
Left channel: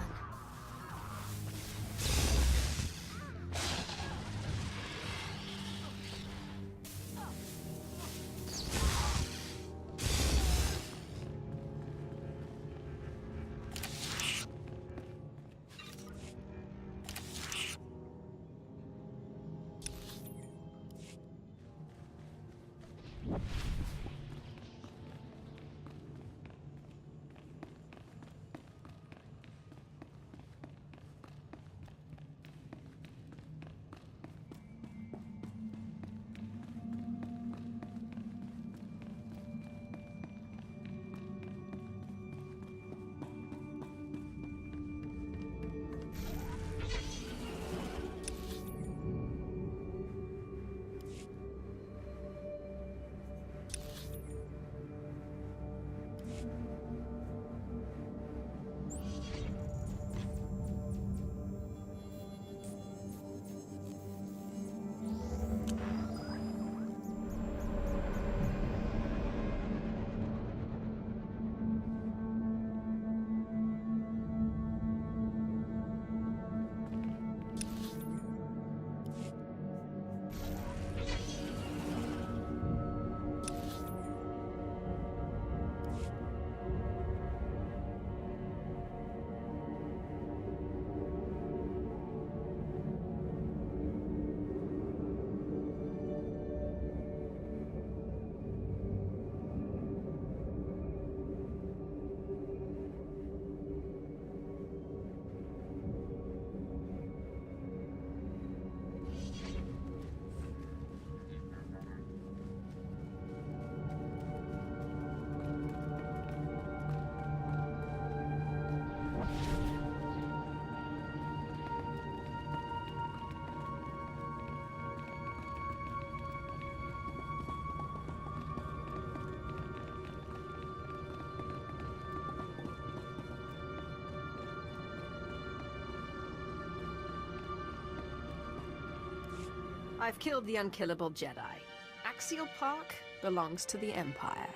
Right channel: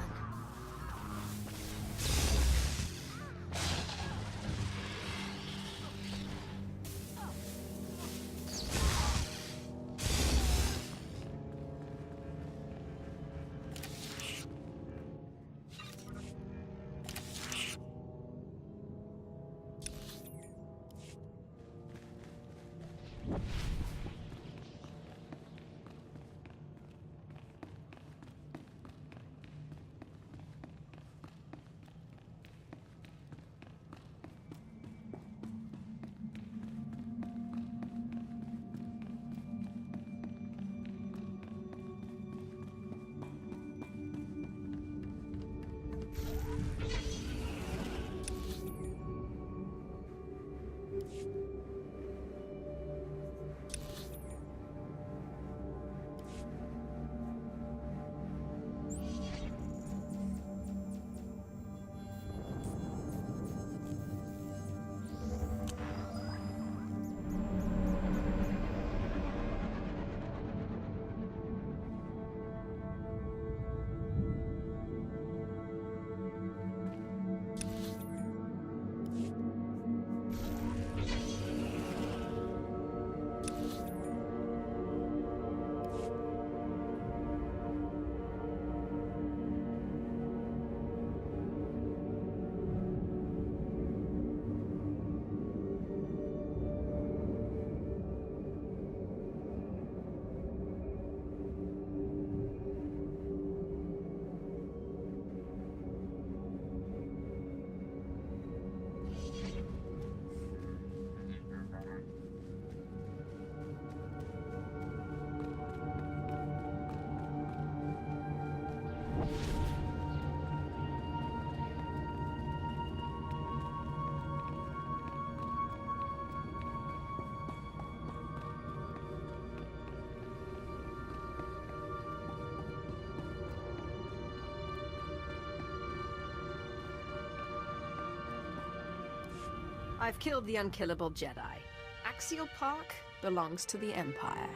I've killed the unkillable Jedi. Axial Park belongs to the Empire.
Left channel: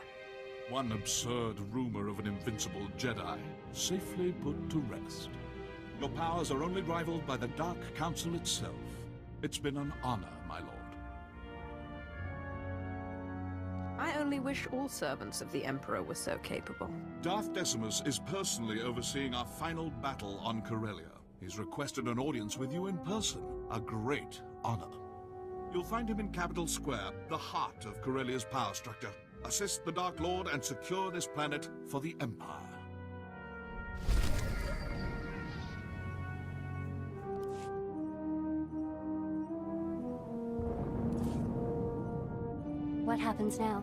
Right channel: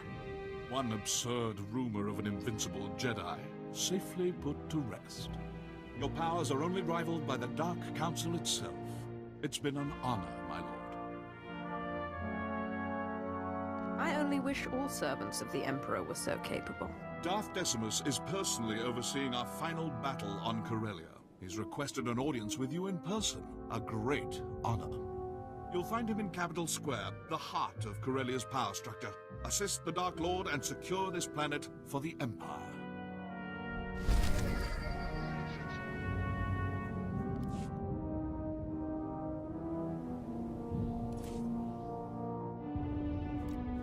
One absurd rumor of an invincible Jedi safely put to rest. Your powers are only rivaled by the Dark Council itself. It's been an honor, my lord. I only wish all servants of the Emperor were so capable. Darth Decimus is personally overseeing our final battle on Corellia. He's requested an audience with you in person. A great honor. You'll find him in Capitol Square, the heart of Corellia's power structure. Assist the Dark Lord and secure this planet for the Empire. What happens now?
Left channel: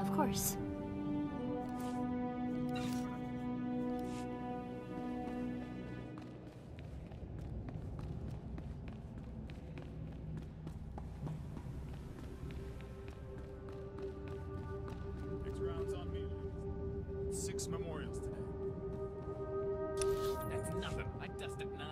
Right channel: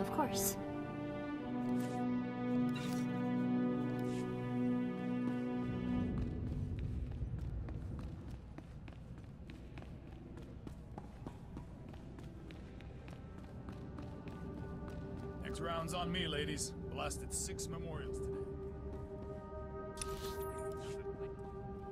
Of course. Next round's on me, ladies. Blasted 6 memorials today. That's nothing. I dusted 9.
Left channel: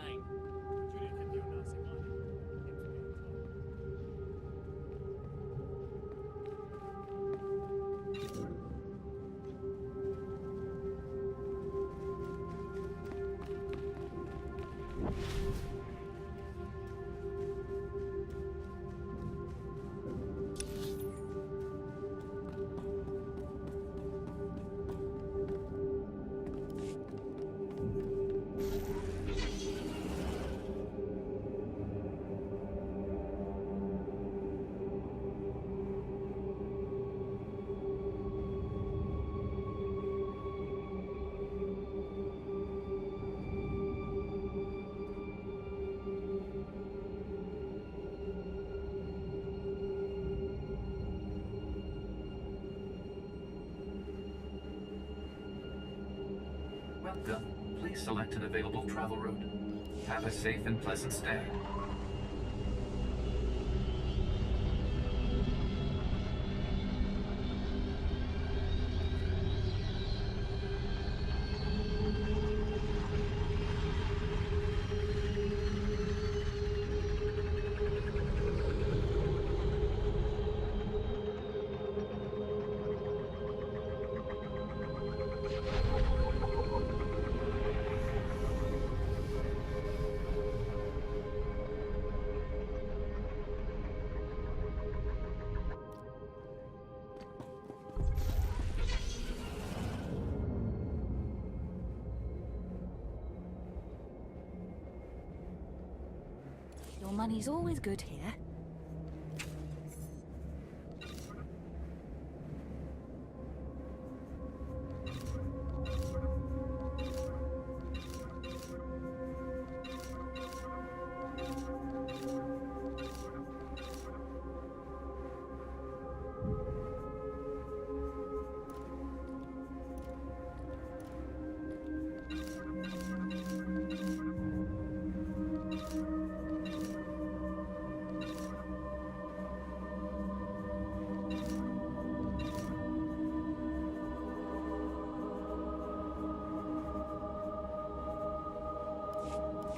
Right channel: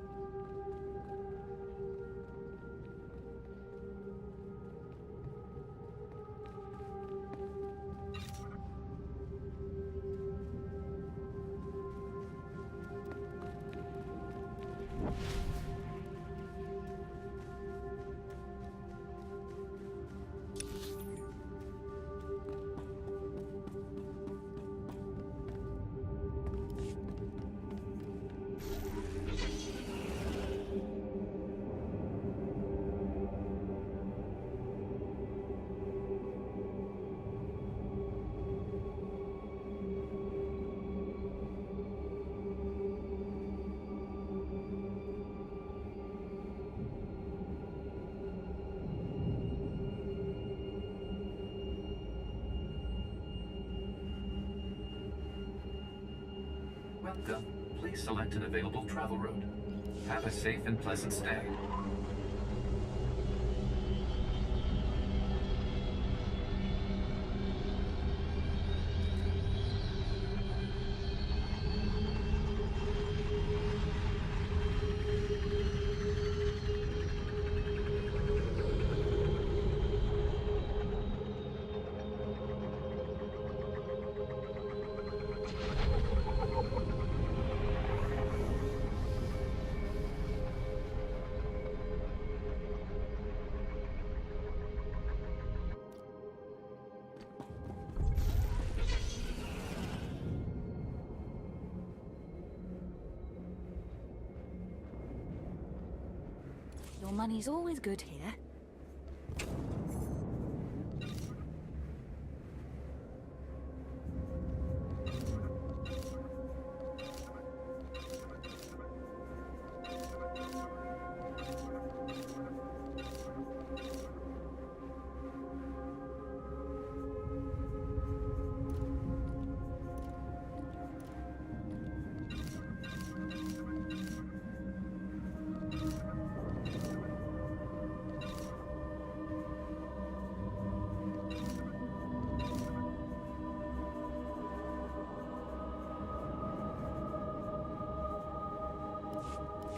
Welcome. Please select an available travel route. Have a safe and pleasant stay. Your money's always good here.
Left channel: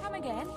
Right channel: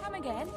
Come again?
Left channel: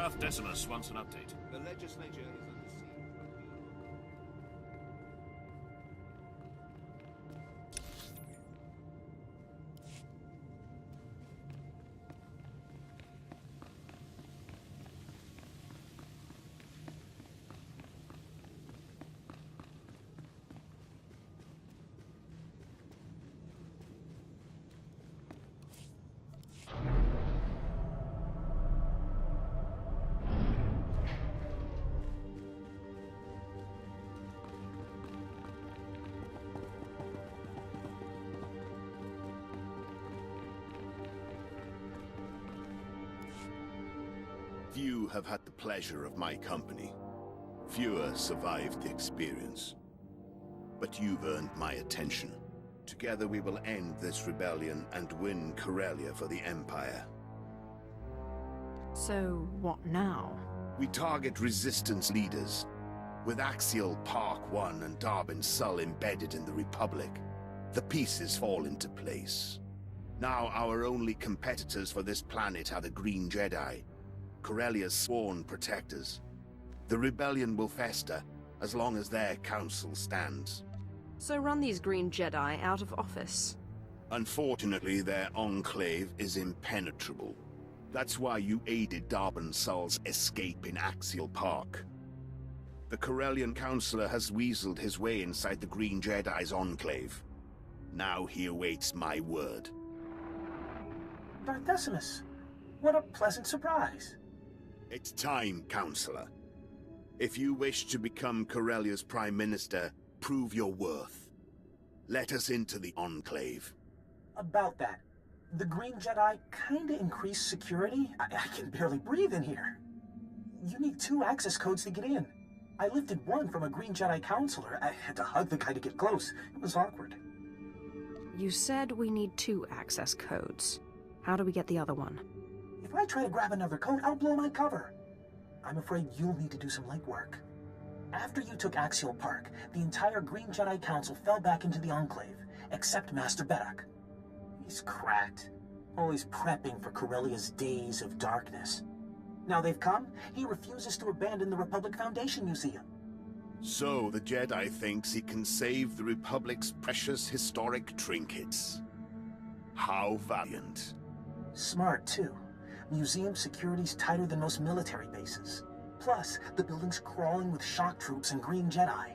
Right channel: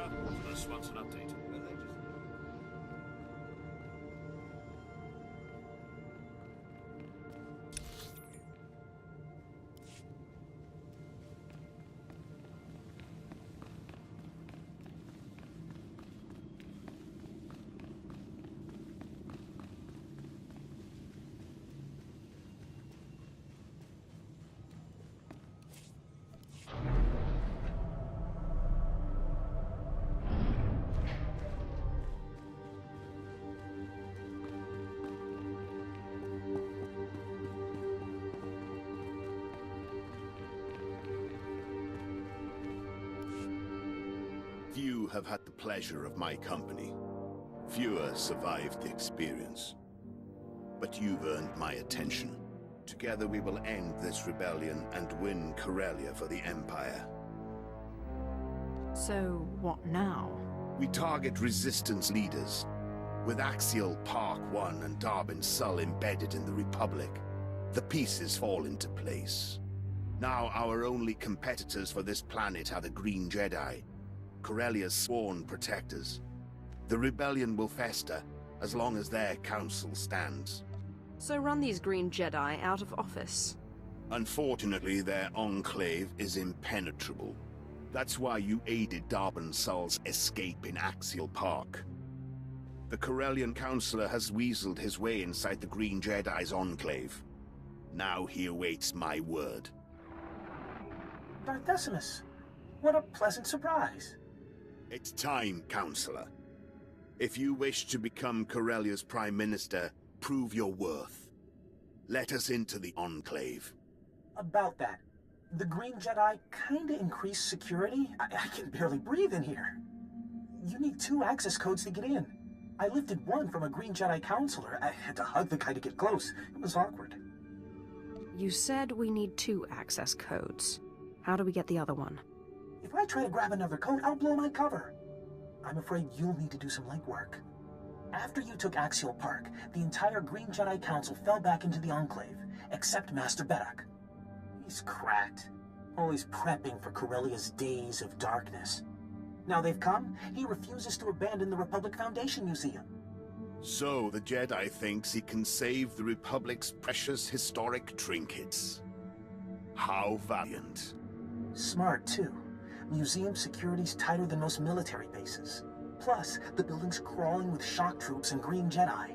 Darth Decimus wants an update. The legislature is Few have had the pleasure of my company. Fewer survived the experience. But you've earned my attention. Together we will end this rebellion and win Corellia for the Empire. So, what now? We target resistance leaders. With Axial Park 1 and Darbin Sull embedded in the Republic, the pieces fall into place. Now our only competitors for this planet are the Green Jedi, Corellia's sworn protectors. The rebellion will fester as long as their council stands. So run these Green Jedi out of office. Unfortunately, their enclave is impenetrable. That's why you aided Darbin Sull's escape in Axial Park. The Corellian Councillor has weaseled his way inside the Green Jedi's enclave. Now he awaits my word. Darth Decimus, what a pleasant surprise. It's time, Councillor. If you wish to become Corellia's Prime Minister, prove your worth. Let us into the Enclave. About that, the Green Jedi kinda increased security. I can barely breathe in here. You need 2 access codes to get in. I lifted one from a Green Jedi counselor. I had to hug the guy to get close. It was awkward. You said we need 2 access codes. How do we get the other one? If I try to grab another code, I'll blow my cover. I'm afraid you'll need to do some legwork. After you took Axial Park, the entire Green Jedi Council fell back into the Enclave, except Master Beddock. He's cracked, always prepping for Corellia's days of darkness. Now they've come, he refuses to abandon the Republic Foundation Museum. So the Jedi thinks he can save the Republic's precious historic trinkets. How valiant. Smart, too. Museum security's tighter than most military bases. Plus, the building's crawling with shock troops and Green Jedi.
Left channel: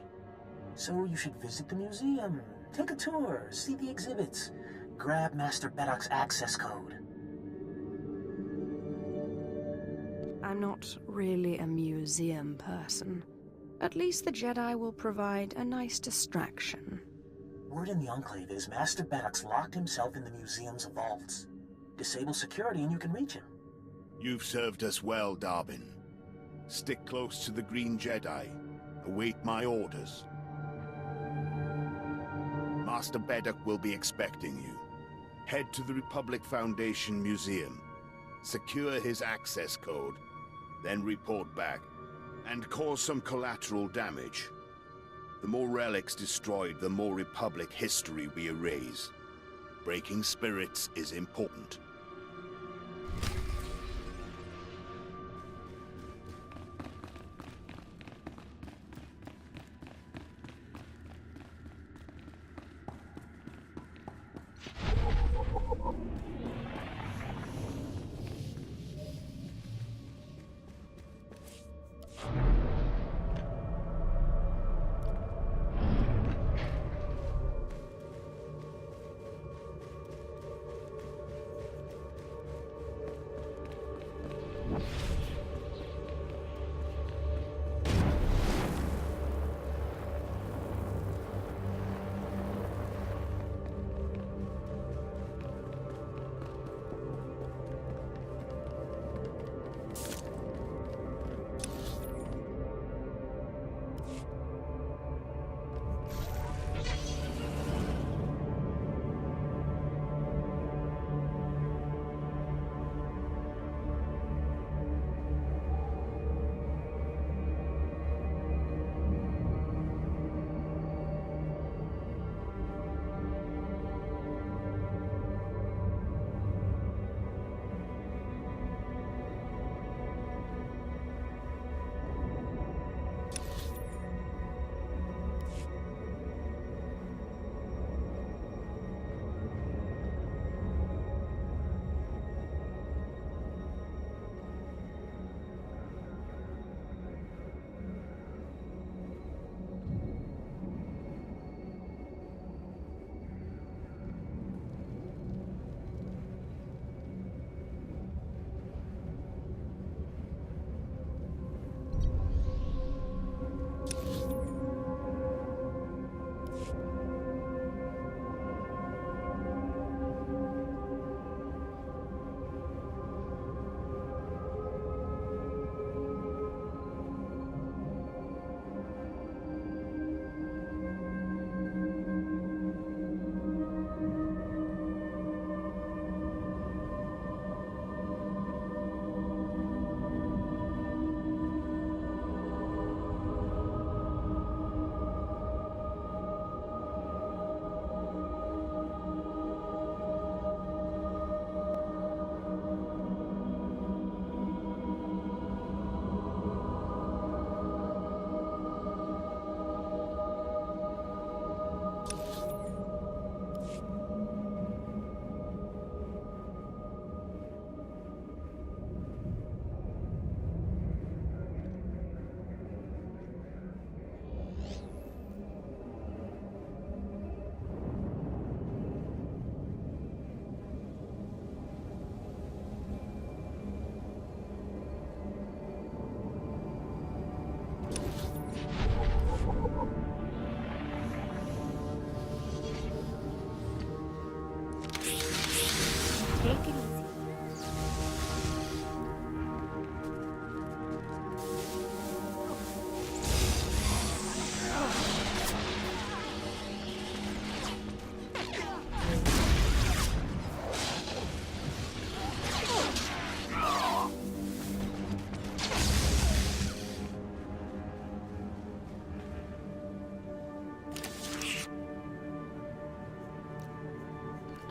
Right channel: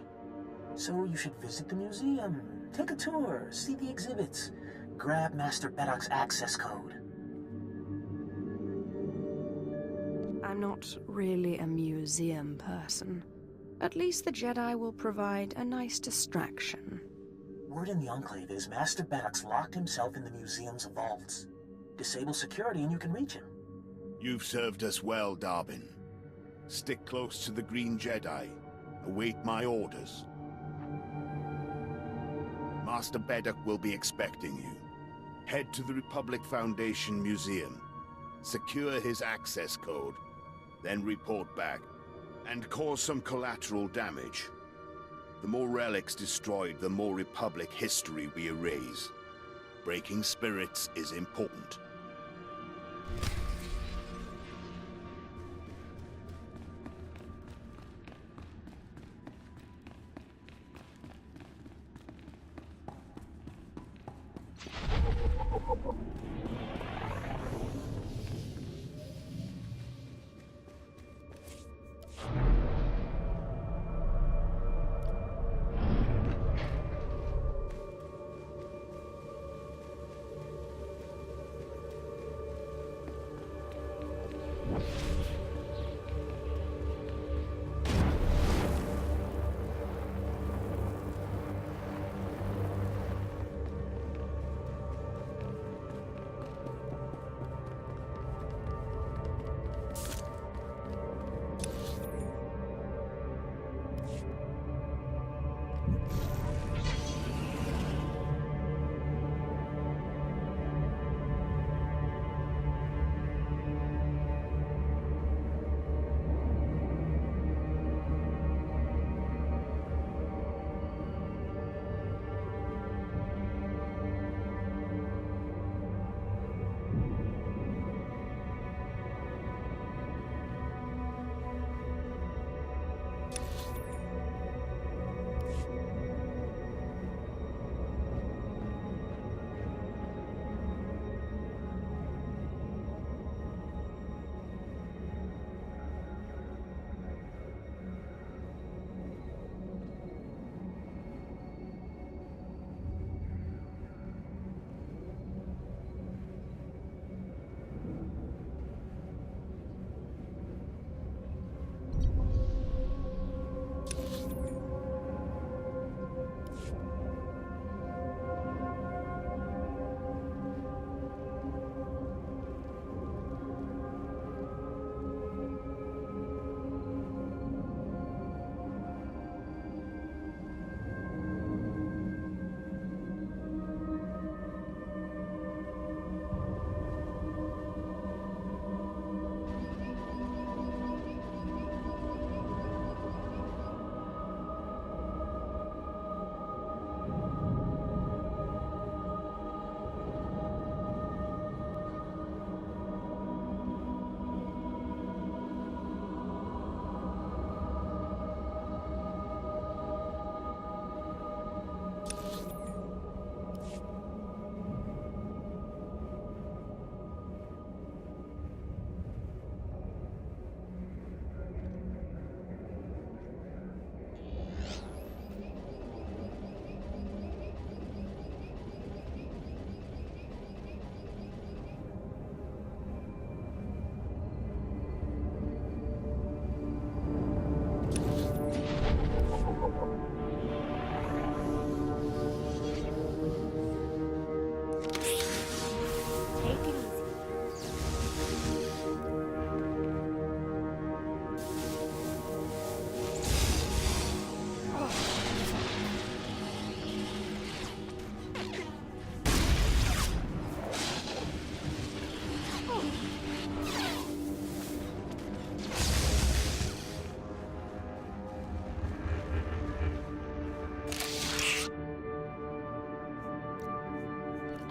So you should visit the museum, take a tour, see the exhibits, grab Master Beddock's access code. I'm not really a museum person. At least the Jedi will provide a nice distraction. Word in the Enclave is Master Beddock's locked himself in the museum's vaults. Disable security and you can reach him. You've served us well, Darbin. Stick close to the Green Jedi. Await my orders. Master Beddock will be expecting you. Head to the Republic Foundation Museum. Secure his access code. Then report back. And cause some collateral damage. The more relics destroyed, the more Republic history we erase. Breaking spirits is important.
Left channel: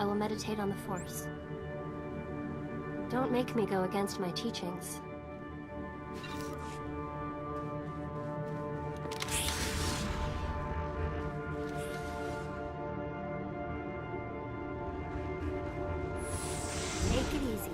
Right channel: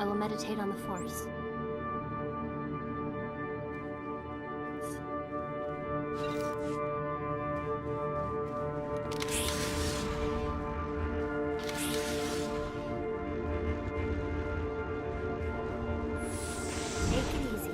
I will meditate on the Force. Don't make me go against my teachings. Take it easy.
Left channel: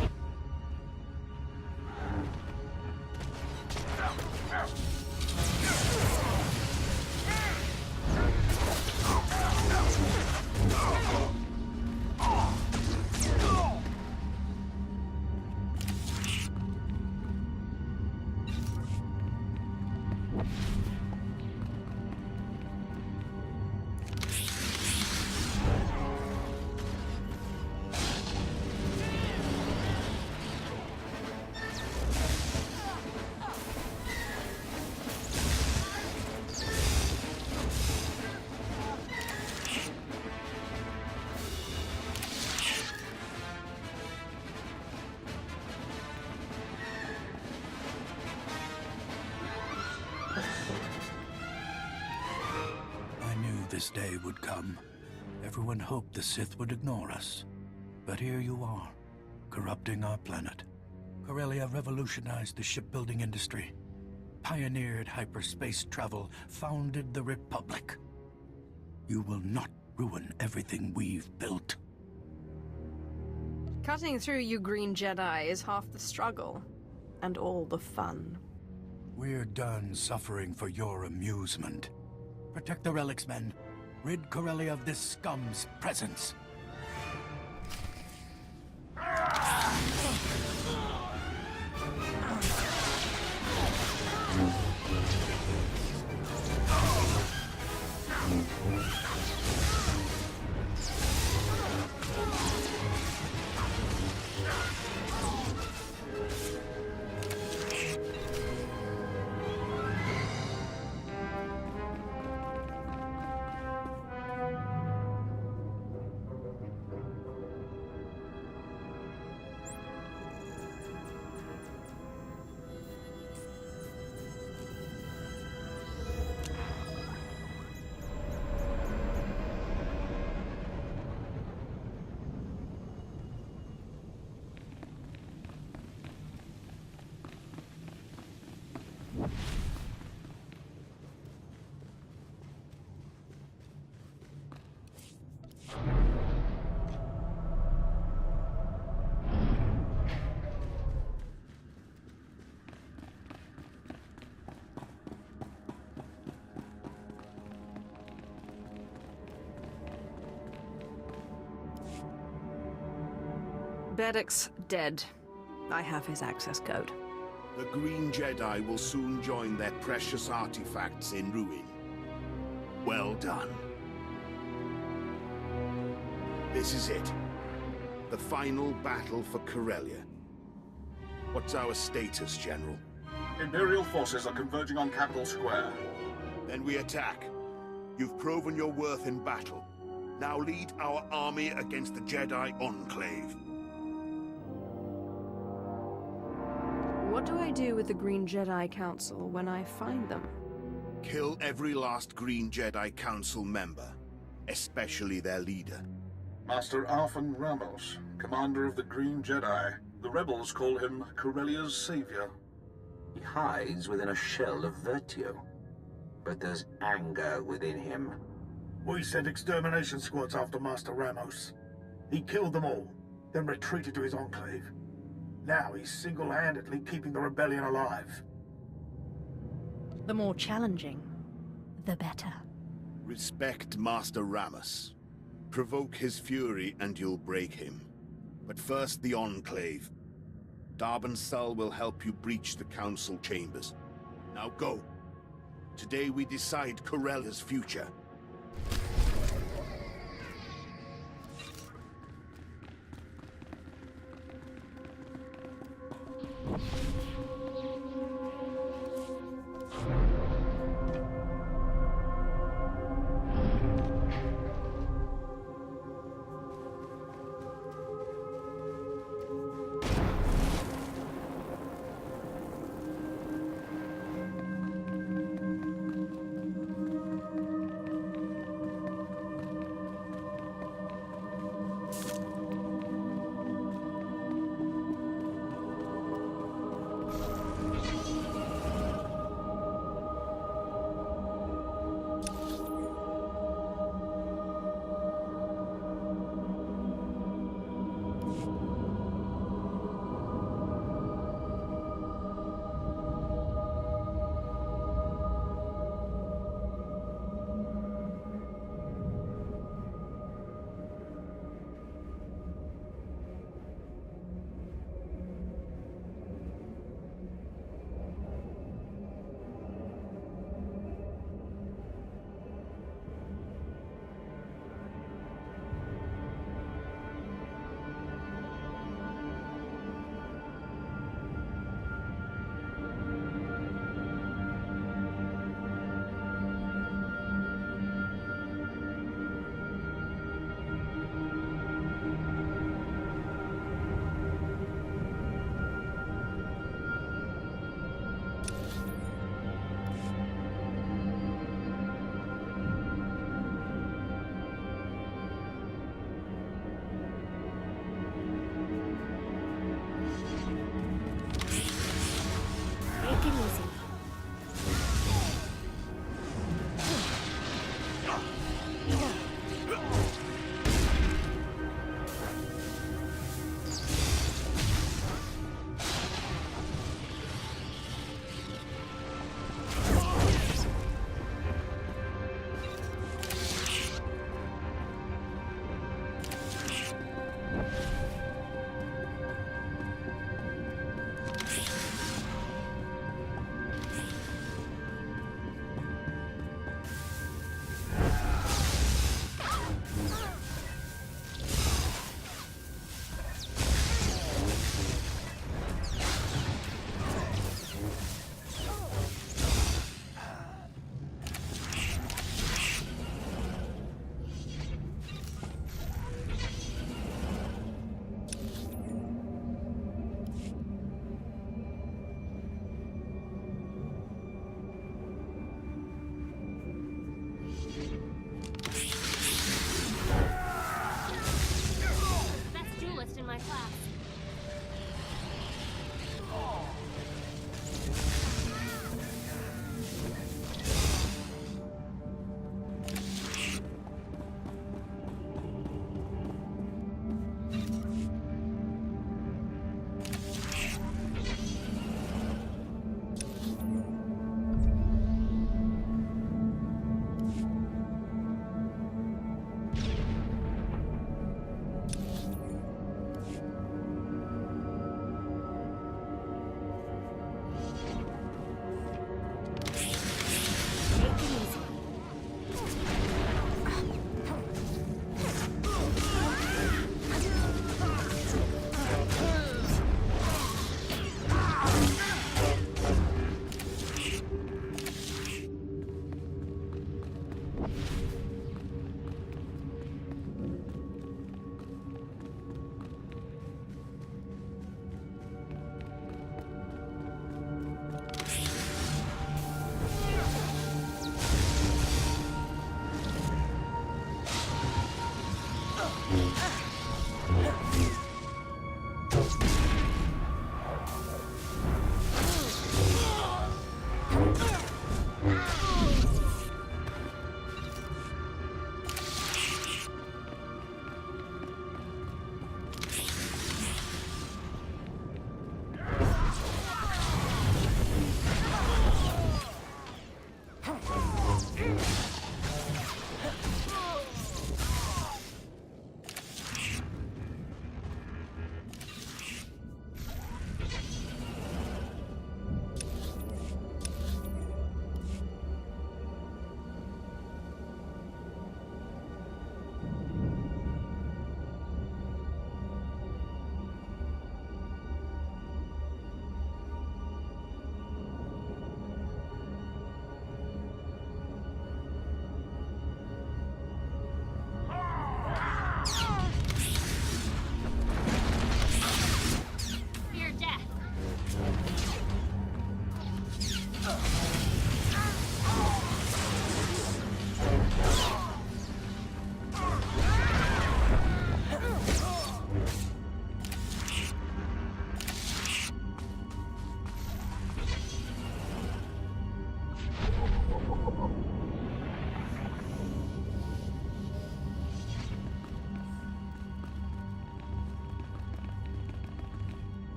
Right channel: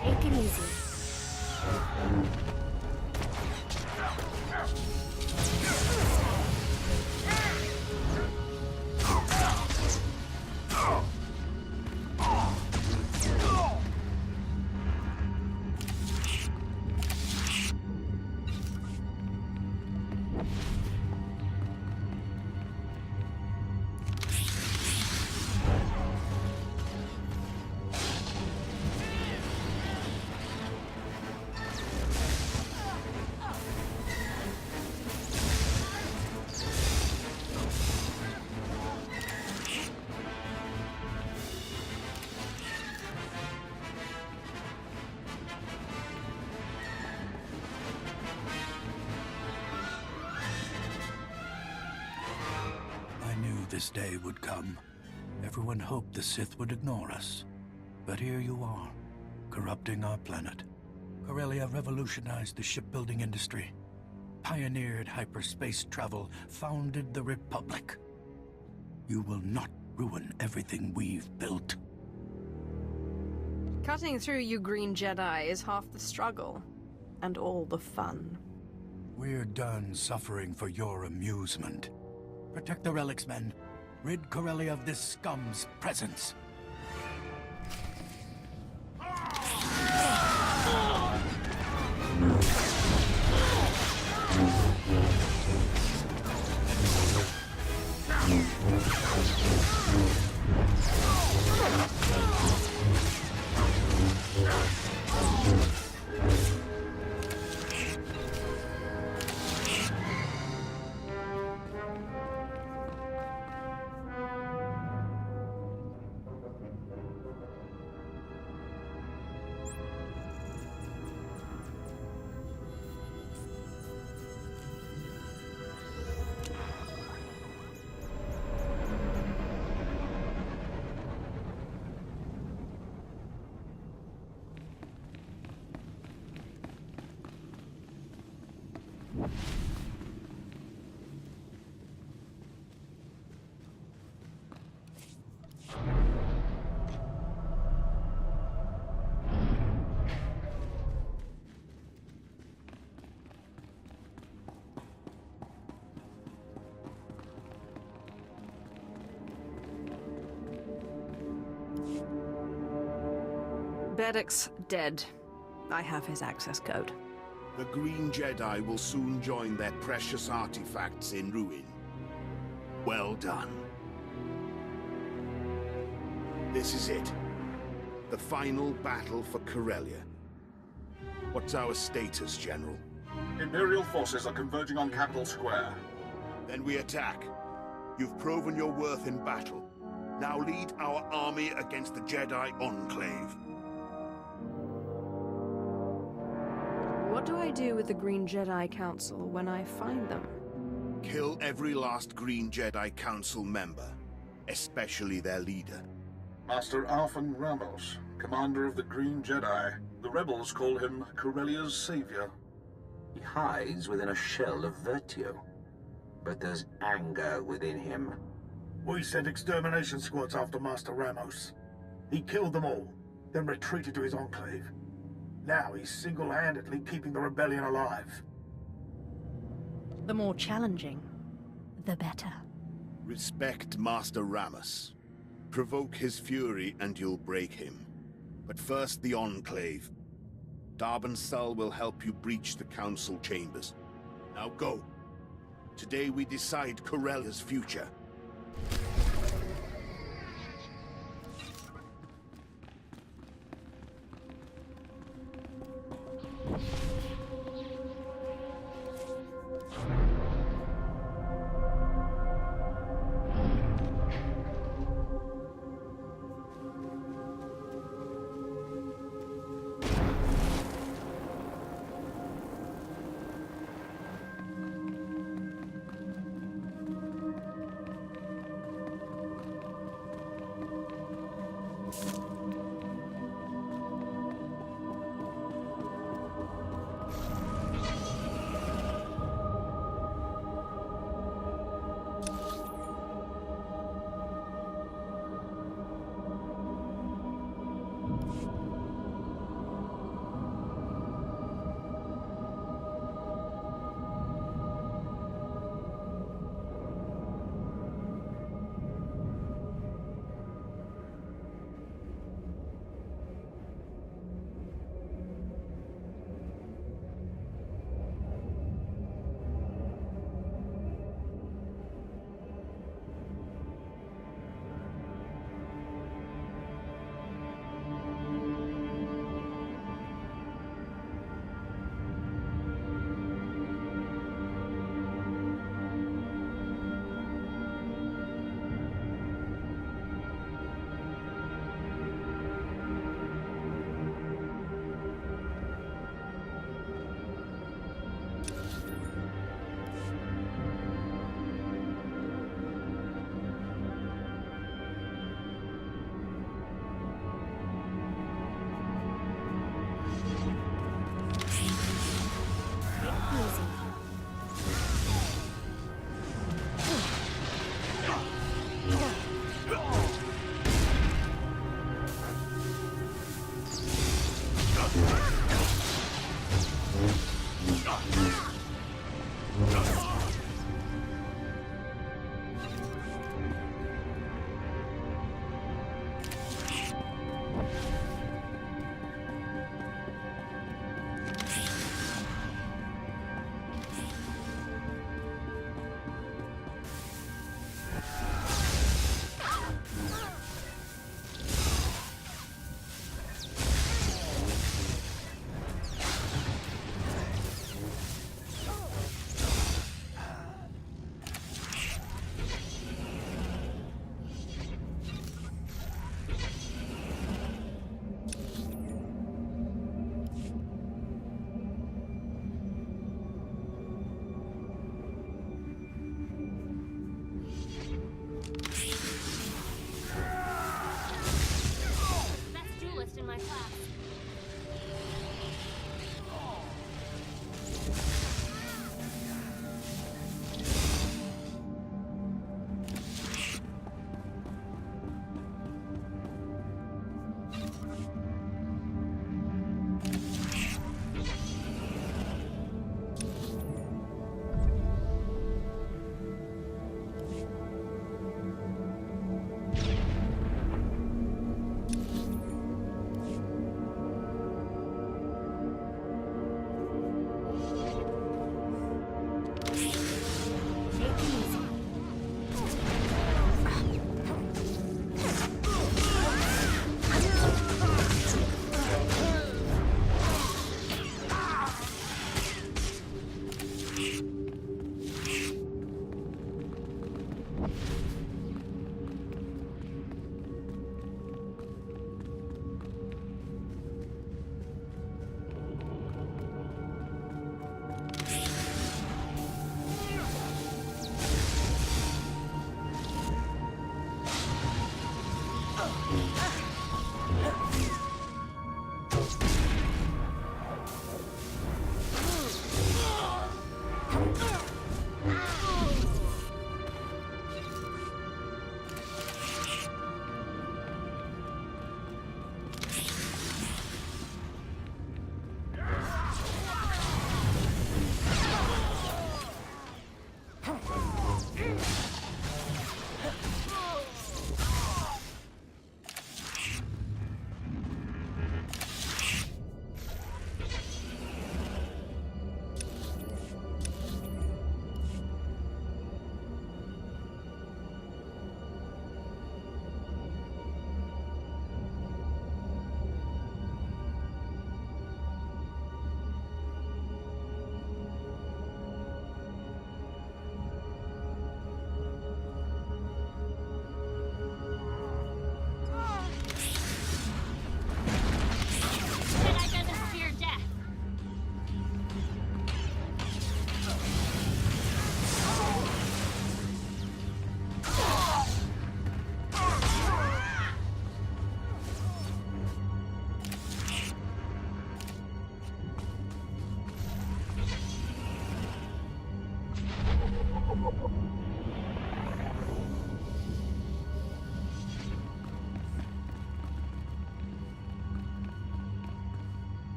Take it easy. This day would come. Everyone hoped the Sith would ignore us. But here you are, corrupting our planet. Corellia revolutionized the shipbuilding industry, pioneered hyperspace travel, founded the Republic. You will not ruin everything we've built. Cutting through you Green Jedi is half the struggle, and all the fun. We're done suffering for your amusement. Protect the relics, men. Rid Corellia of this scum's presence. Bedek's dead. I have his access code. The Green Jedi will soon join their precious artifacts in ruin. Well done. This is it. The final battle for Corellia. What's our status, General? Imperial forces are converging on Capital Square. Then we attack. You've proven your worth in battle. Now lead our army against the Jedi Enclave. What do I do with the Green Jedi Council when I find them? Kill every last Green Jedi Council member, especially their leader. Master Alphen Ramos, commander of the Green Jedi. The rebels call him Corellia's savior. He hides within a shell of virtue, but there's anger within him. We sent extermination squads after Master Ramos. He killed them all, then retreated to his enclave. Now he's single-handedly keeping the rebellion alive. The more challenging, the better. Respect Master Ramos. Provoke his fury and you'll break him. But first the Enclave. Darban Sul will help you breach the Council chambers. Now go. Today we decide Corellia's future.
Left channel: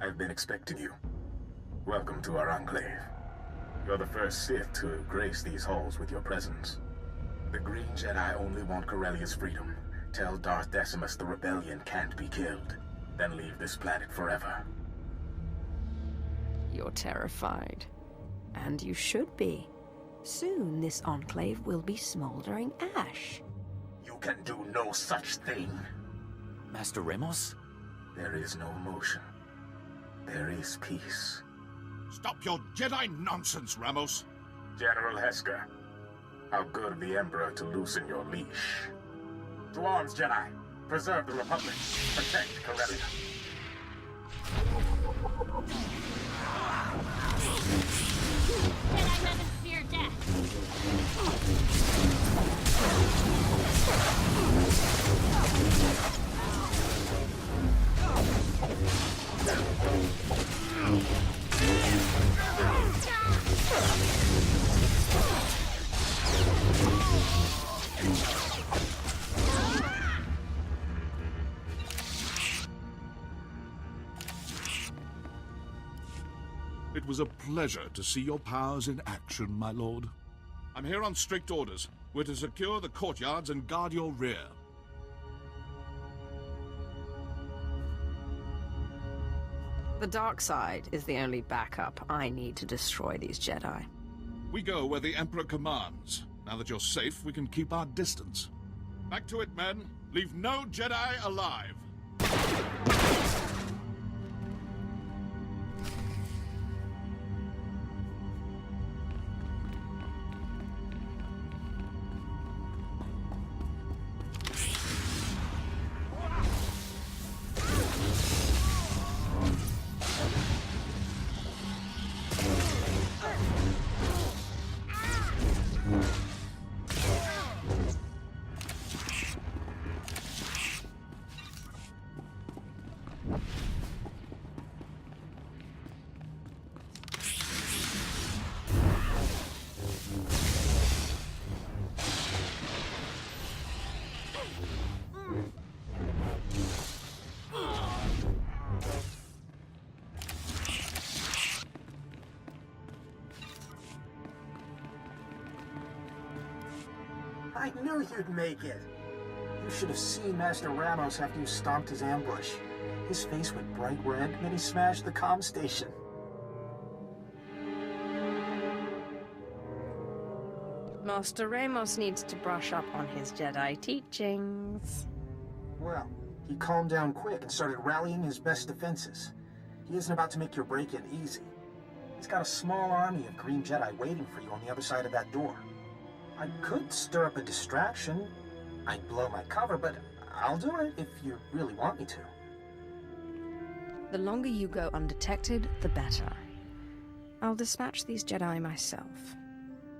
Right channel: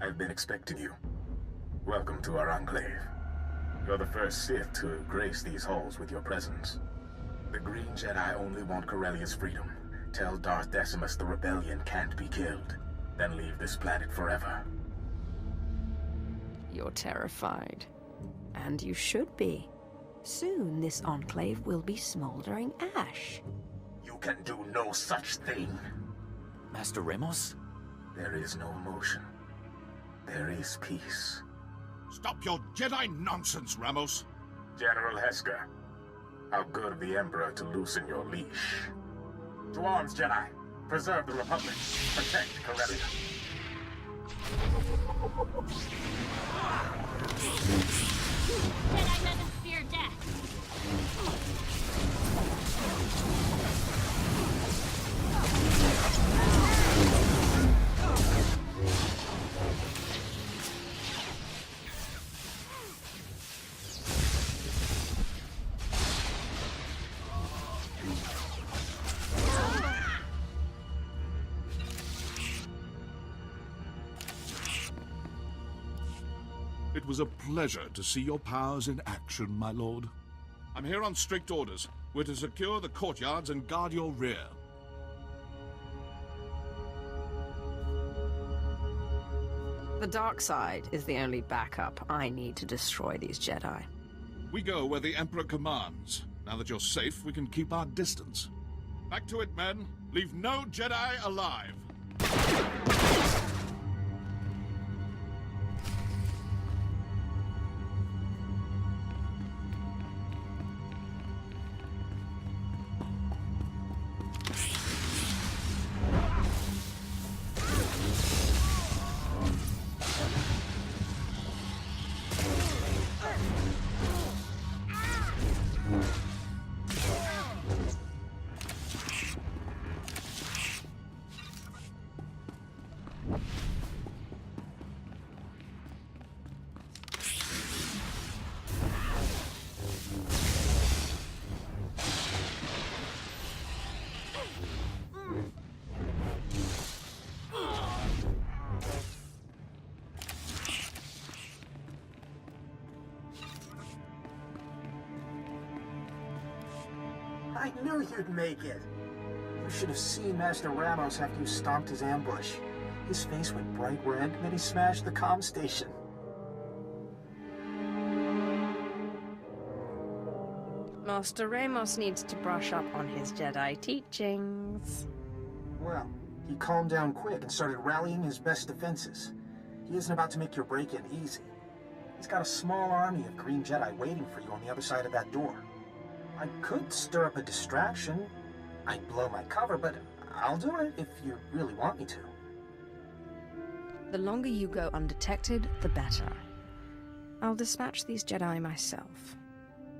I've been expecting you. Welcome to our enclave. You're the first Sith to grace these halls with your presence. The Green Jedi only want Corellia's freedom. Tell Darth Decimus the rebellion can't be killed. Then leave this planet forever. You're terrified. And you should be. Soon this enclave will be smoldering ash. You can do no such thing. Master Ramos? There is no emotion. There is peace. Stop your Jedi nonsense, Ramos. General Heska, how good of the Emperor to loosen your leash. To arms, Jedi. Preserve the Republic. Protect Corellia. Jedi doesn't fear death. It was a pleasure to see your powers in action, my lord. I'm here on strict orders. We're to secure the courtyards and guard your rear. The dark side is the only backup I need to destroy these Jedi. We go where the Emperor commands. Now that you're safe, we can keep our distance. Back to it, men. Leave no Jedi alive. I knew you'd make it. You should have seen Master Ramos after you stomped his ambush. His face went bright red, then he smashed the comm station. Master Ramos needs to brush up on his Jedi teachings. Well, he calmed down quick and started rallying his best defenses. He isn't about to make your break-in easy. He's got a small army of Green Jedi waiting for you on the other side of that door. I could stir up a distraction. I'd blow my cover, but I'll do it if you really want me to. The longer you go undetected, the better. I'll dispatch these Jedi myself.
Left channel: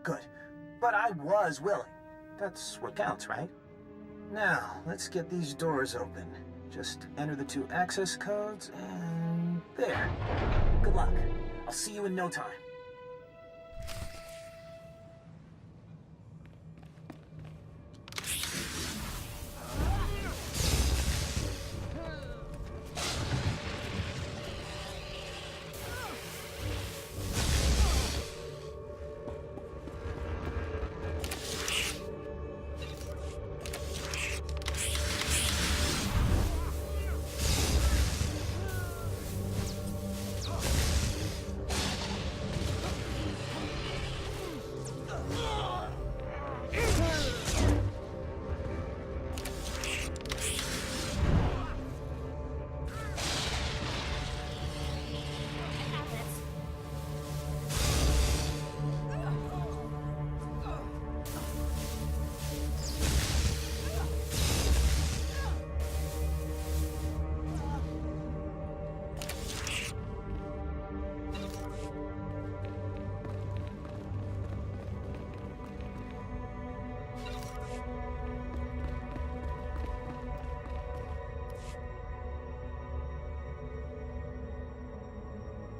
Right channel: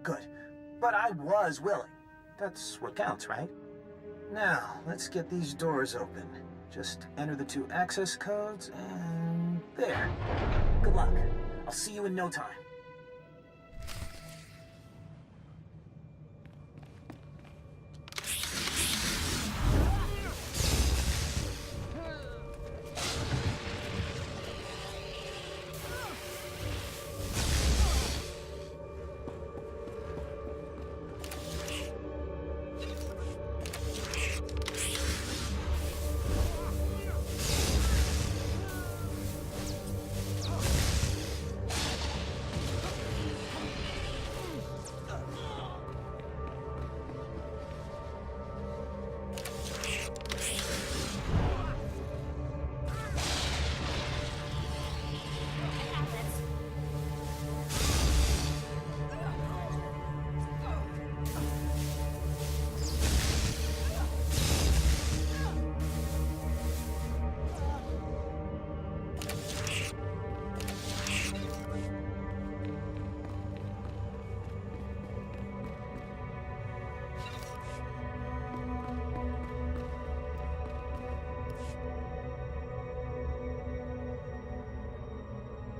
Good. But I was willing. That's what counts, right? Now, let's get these doors open. Just enter the 2 access codes, and there. Good luck. I'll see you in no time.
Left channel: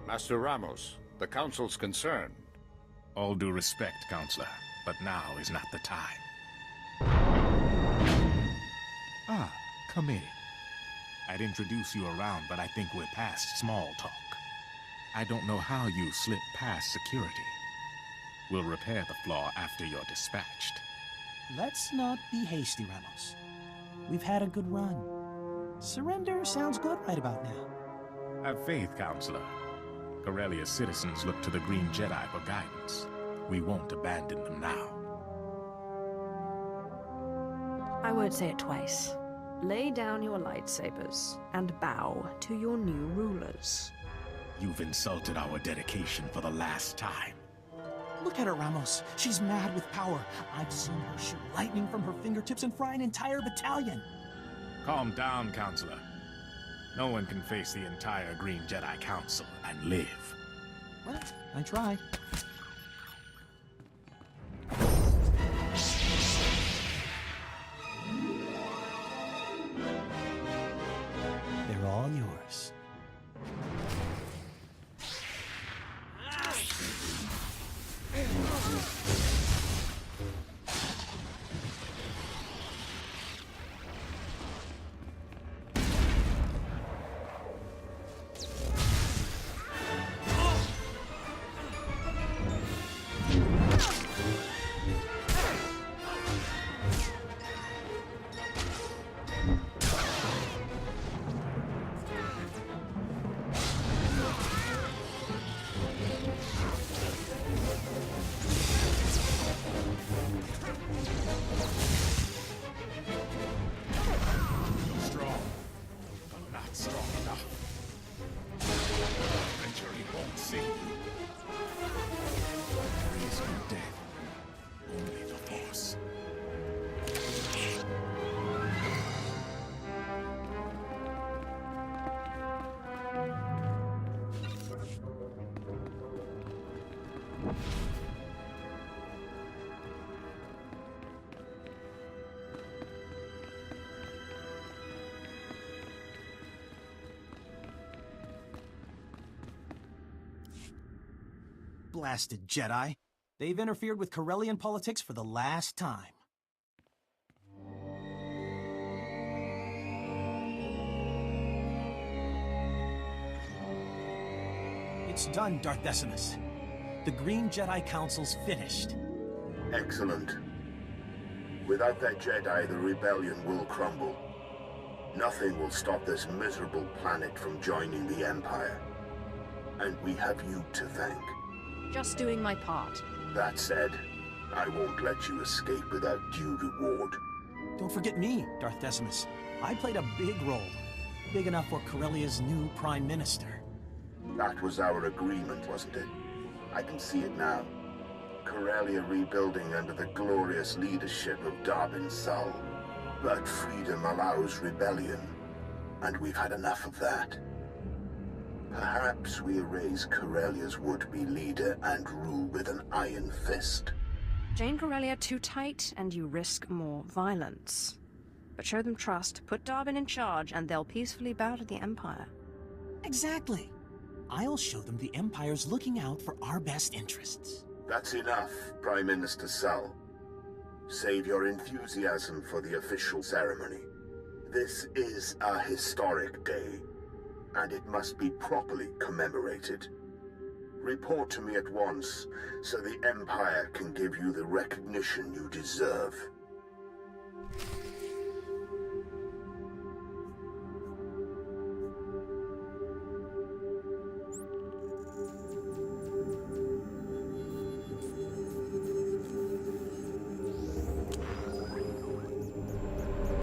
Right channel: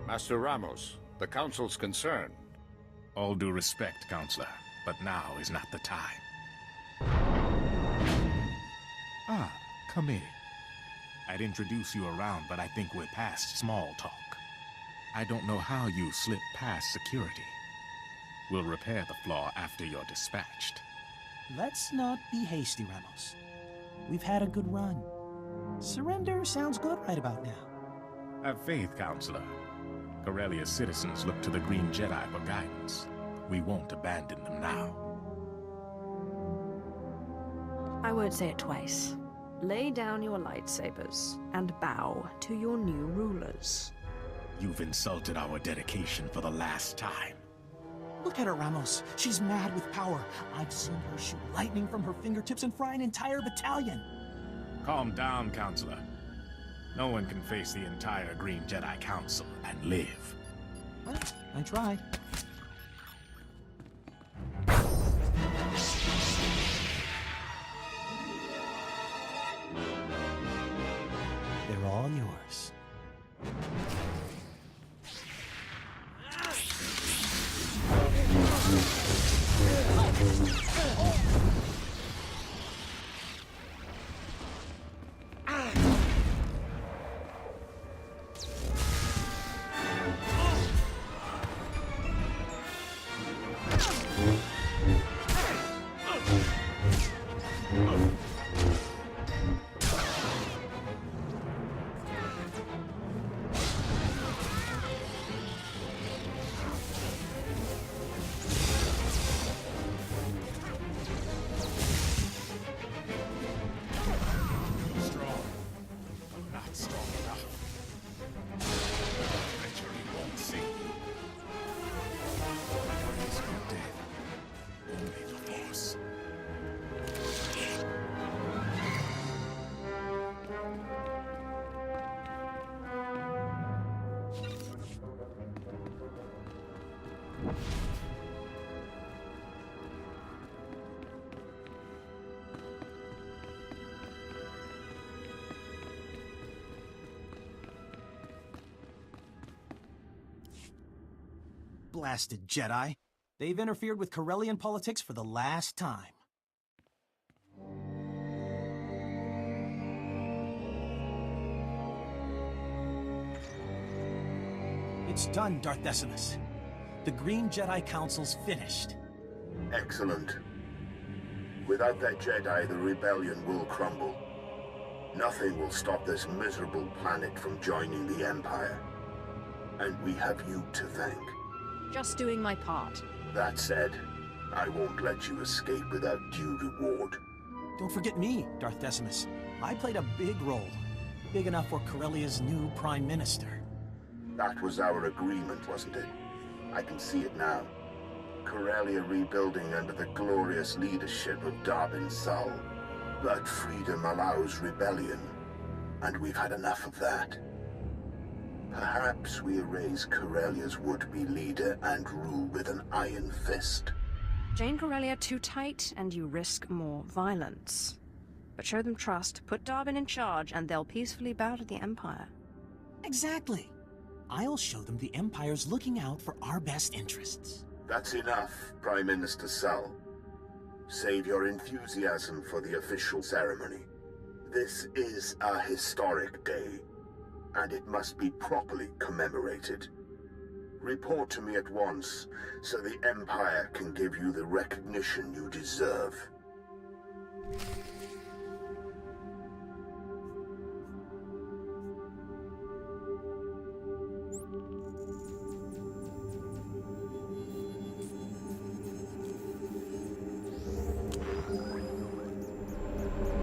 Master Ramos, the Council's concerned. All due respect, Counselor, but now is not the time. Ah, come in. I'd introduce you around, but I think we're past small talk. I don't know how you slipped past security. We'll repair the flaw after you're dispatched. Let's not be hasty, Ramos. We've had a good run. Surrender sounds good right about now. Have faith, Counselor. Corellia's citizens look to the Green Jedi for guidance. We won't abandon them now. I won't say it twice. Lay down your lightsabers and bow to your new rulers. You've insulted our dedication for the last time. Look at her, Ramos. She's mad with power. I've seen her shoot lightning from her fingertips and fry an entire battalion. Calm down, Counselor. No one can face the entire Green Jedi Council and live. Well, I tried. They're all yours. Blasted Jedi. They've interfered with Corellian politics for the last time. It's done, Darth Decimus. The Green Jedi Council's finished. Excellent. Without that Jedi, the rebellion will crumble. Nothing will stop this miserable planet from joining the Empire. And we have you to thank. Just doing my part. That said, I won't let you escape without due reward. Don't forget me, Darth Decimus. I played a big role. Big enough for Corellia's new Prime Minister. That was our agreement, wasn't it? I can see it now. Corellia rebuilding under the glorious leadership of Darbin Sul. But freedom allows rebellion, and we've had enough of that. Perhaps we erase Corellia's would-be leader and rule with an iron fist. Jane Corellia too tight, and you risk more violence. But show them trust, put Darbin in charge, and they'll peacefully bow to the Empire. Exactly. I'll show them the Empire's looking out for our best interests. That's enough, Prime Minister Sul. Save your enthusiasm for the official ceremony. This is a historic day, and it must be properly commemorated. Report to me at once, so the Empire can give you the recognition you deserve.